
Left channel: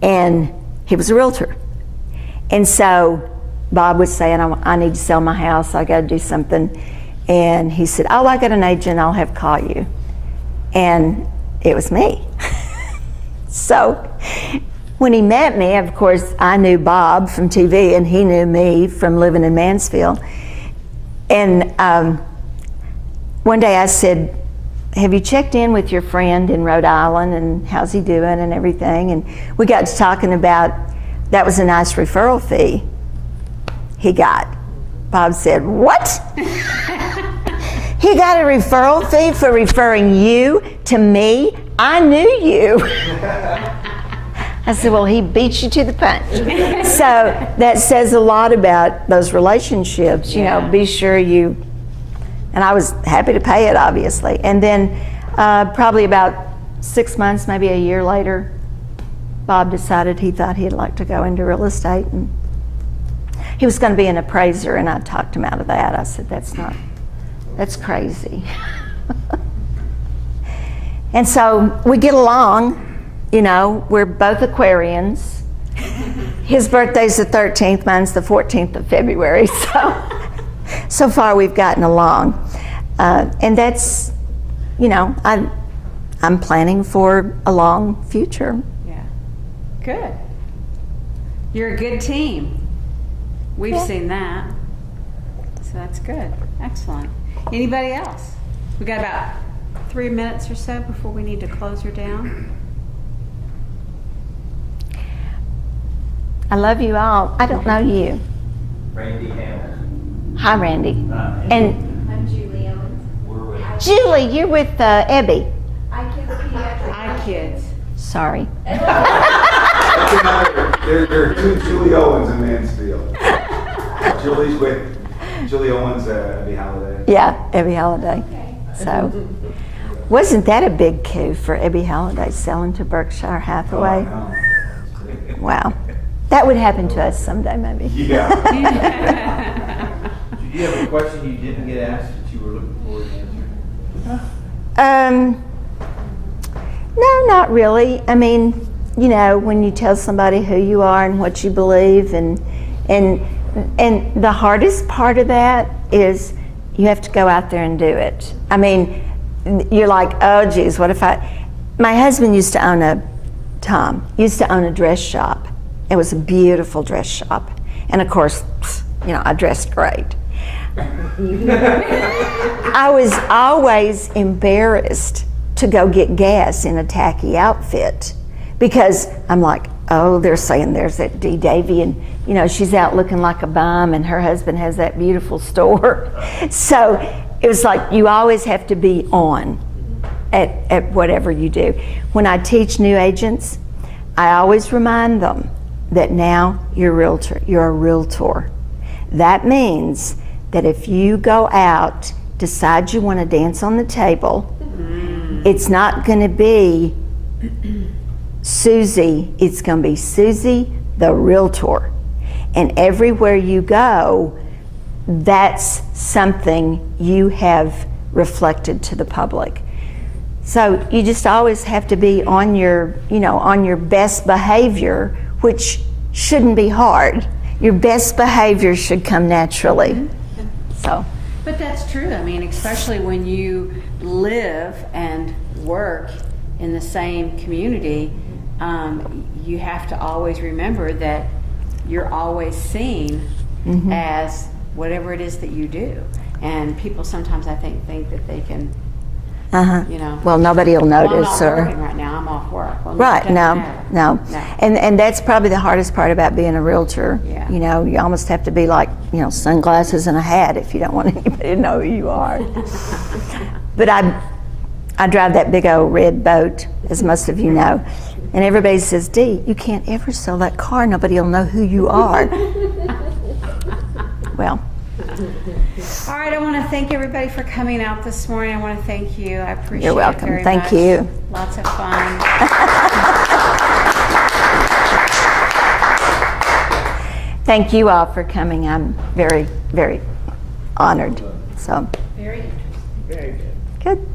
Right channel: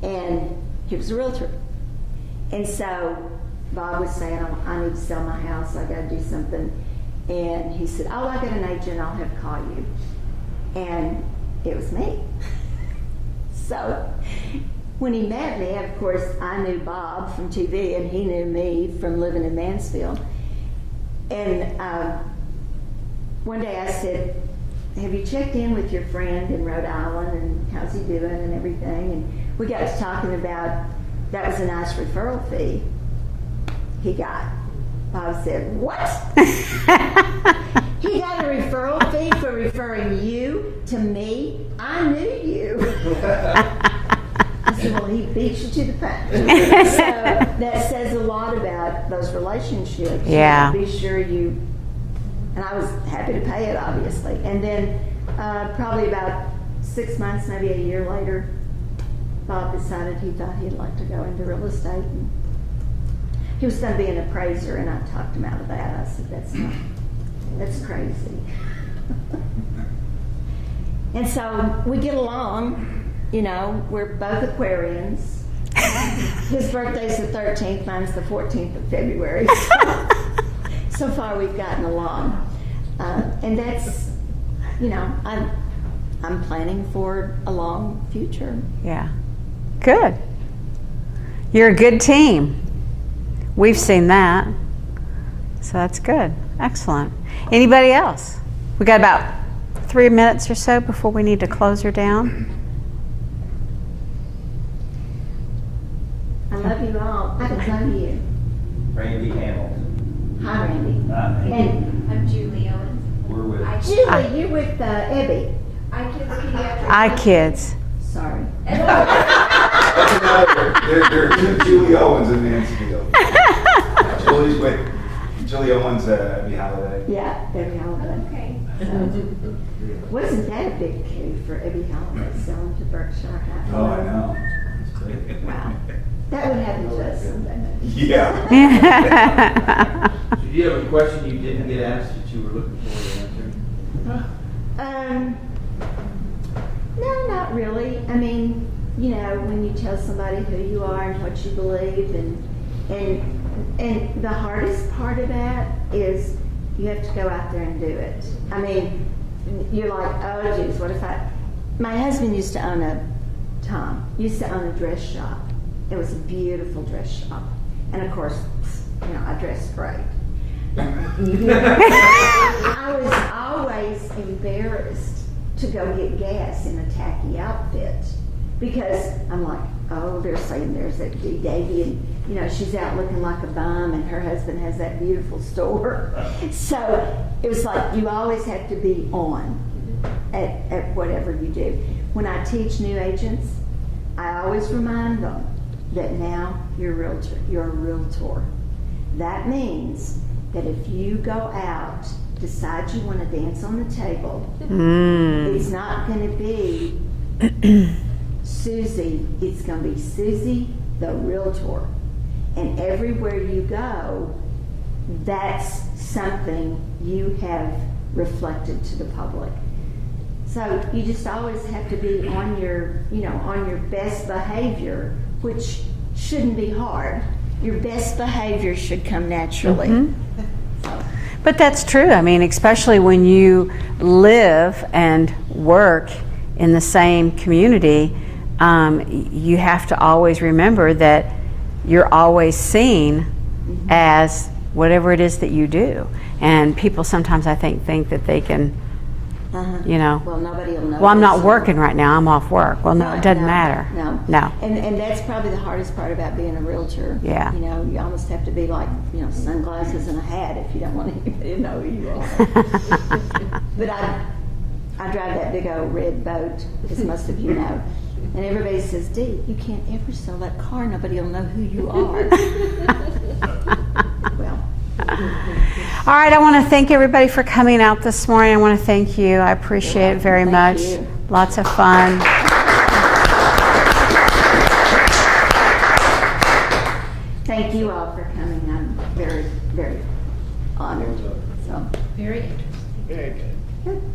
and he was a realtor. And so Bob was saying, I need to sell my house, I got to do something. And he said, oh, I got an agent, I'll have call you. And it was me. So when he met me, of course, I knew Bob from TV, and he knew me from living in Mansfield. And one day I said, have you checked in with your friend in Rhode Island, and how's he doing and everything? And we got to talking about, that was a nice referral fee he got. Bob said, what? He got a referral fee for referring you to me? I knew you. I said, well, he beat you to the punch. So that says a lot about those relationships. Yeah. Be sure you, and I was happy to pay it, obviously. And then probably about 6 months, maybe a year later, Bob decided he thought he'd like to go into real estate. And he was going to be an appraiser, and I talked him out of that. I said, that's crazy. And so we get along. We're both Aquarians. His birthday's the 13th, mine's the 14th of February. So far we've gotten along. And that's, I'm planning for a long future. Yeah. Good. You're a good team. We've seen that. So that's good. Excellent. Anybody else? We got about 3 minutes or so before we need to close her down. I love you all. I don't know you. Randy Hamilton. Hi, Randy. And I'm Julie Owens. We're with. Julie, you're with Ebby. iKids. Sorry. That's another, there are two Julie Owens in Mansfield. Julie's with Julie Owens, Abby Halliday. Yeah, Ebby Halliday. Okay. So, wasn't that a big coup for Ebby Halliday selling to Berkshire Hathaway? Oh, Wow. That would happen to us someday, maybe. yeah. Did you have a question you didn't get asked that you were looking forward to answering? No, not really. I mean, when you tell somebody who you are and what you believe, and the hardest part of that is you have to go out there and do it. I mean, you're like, oh geez, what if my husband used to own a dress shop. It was a beautiful dress shop. And of course, I dressed great. I was always embarrassed to go get gas in a tacky outfit because I'm like, oh, they're saying there's that Dee Davey, and she's out looking like a bum, and her husband has that beautiful store. So it was like you always have to be on at whatever you do. When I teach new agents, I always remind them that now you're a realtor. That means that if you go out, decide you want to dance on the table, it's not going to be Susie, it's going to be Susie the realtor. And everywhere you go, that's something you have reflected to the public. So you just always have to be on your, on your best behavior, which shouldn't be hard. Your best behavior should come naturally. So, But that's true. I mean, especially when you live and work in the same community, you have to always remember that you're always seen as whatever it is that you do. And people sometimes, I think that they can, well, nobody will notice. well, I'm not or- working right now. I'm off work. Well, no, Right, it doesn't no, matter. no. And that's probably the hardest part about being a realtor. Yeah. You almost have to be like, sunglasses and a hat if you don't want anybody to know who you are. But I drive that big old red boat, as most of you know. And everybody says, Dee, you can't ever sell that car. Nobody will know who you are. Well. All right, I want to thank everybody for coming out this morning. I want to thank you. I appreciate welcome. it very Thank much. you. Lots of fun. Thank you all for coming. I'm very, very honored. So, Very good. good.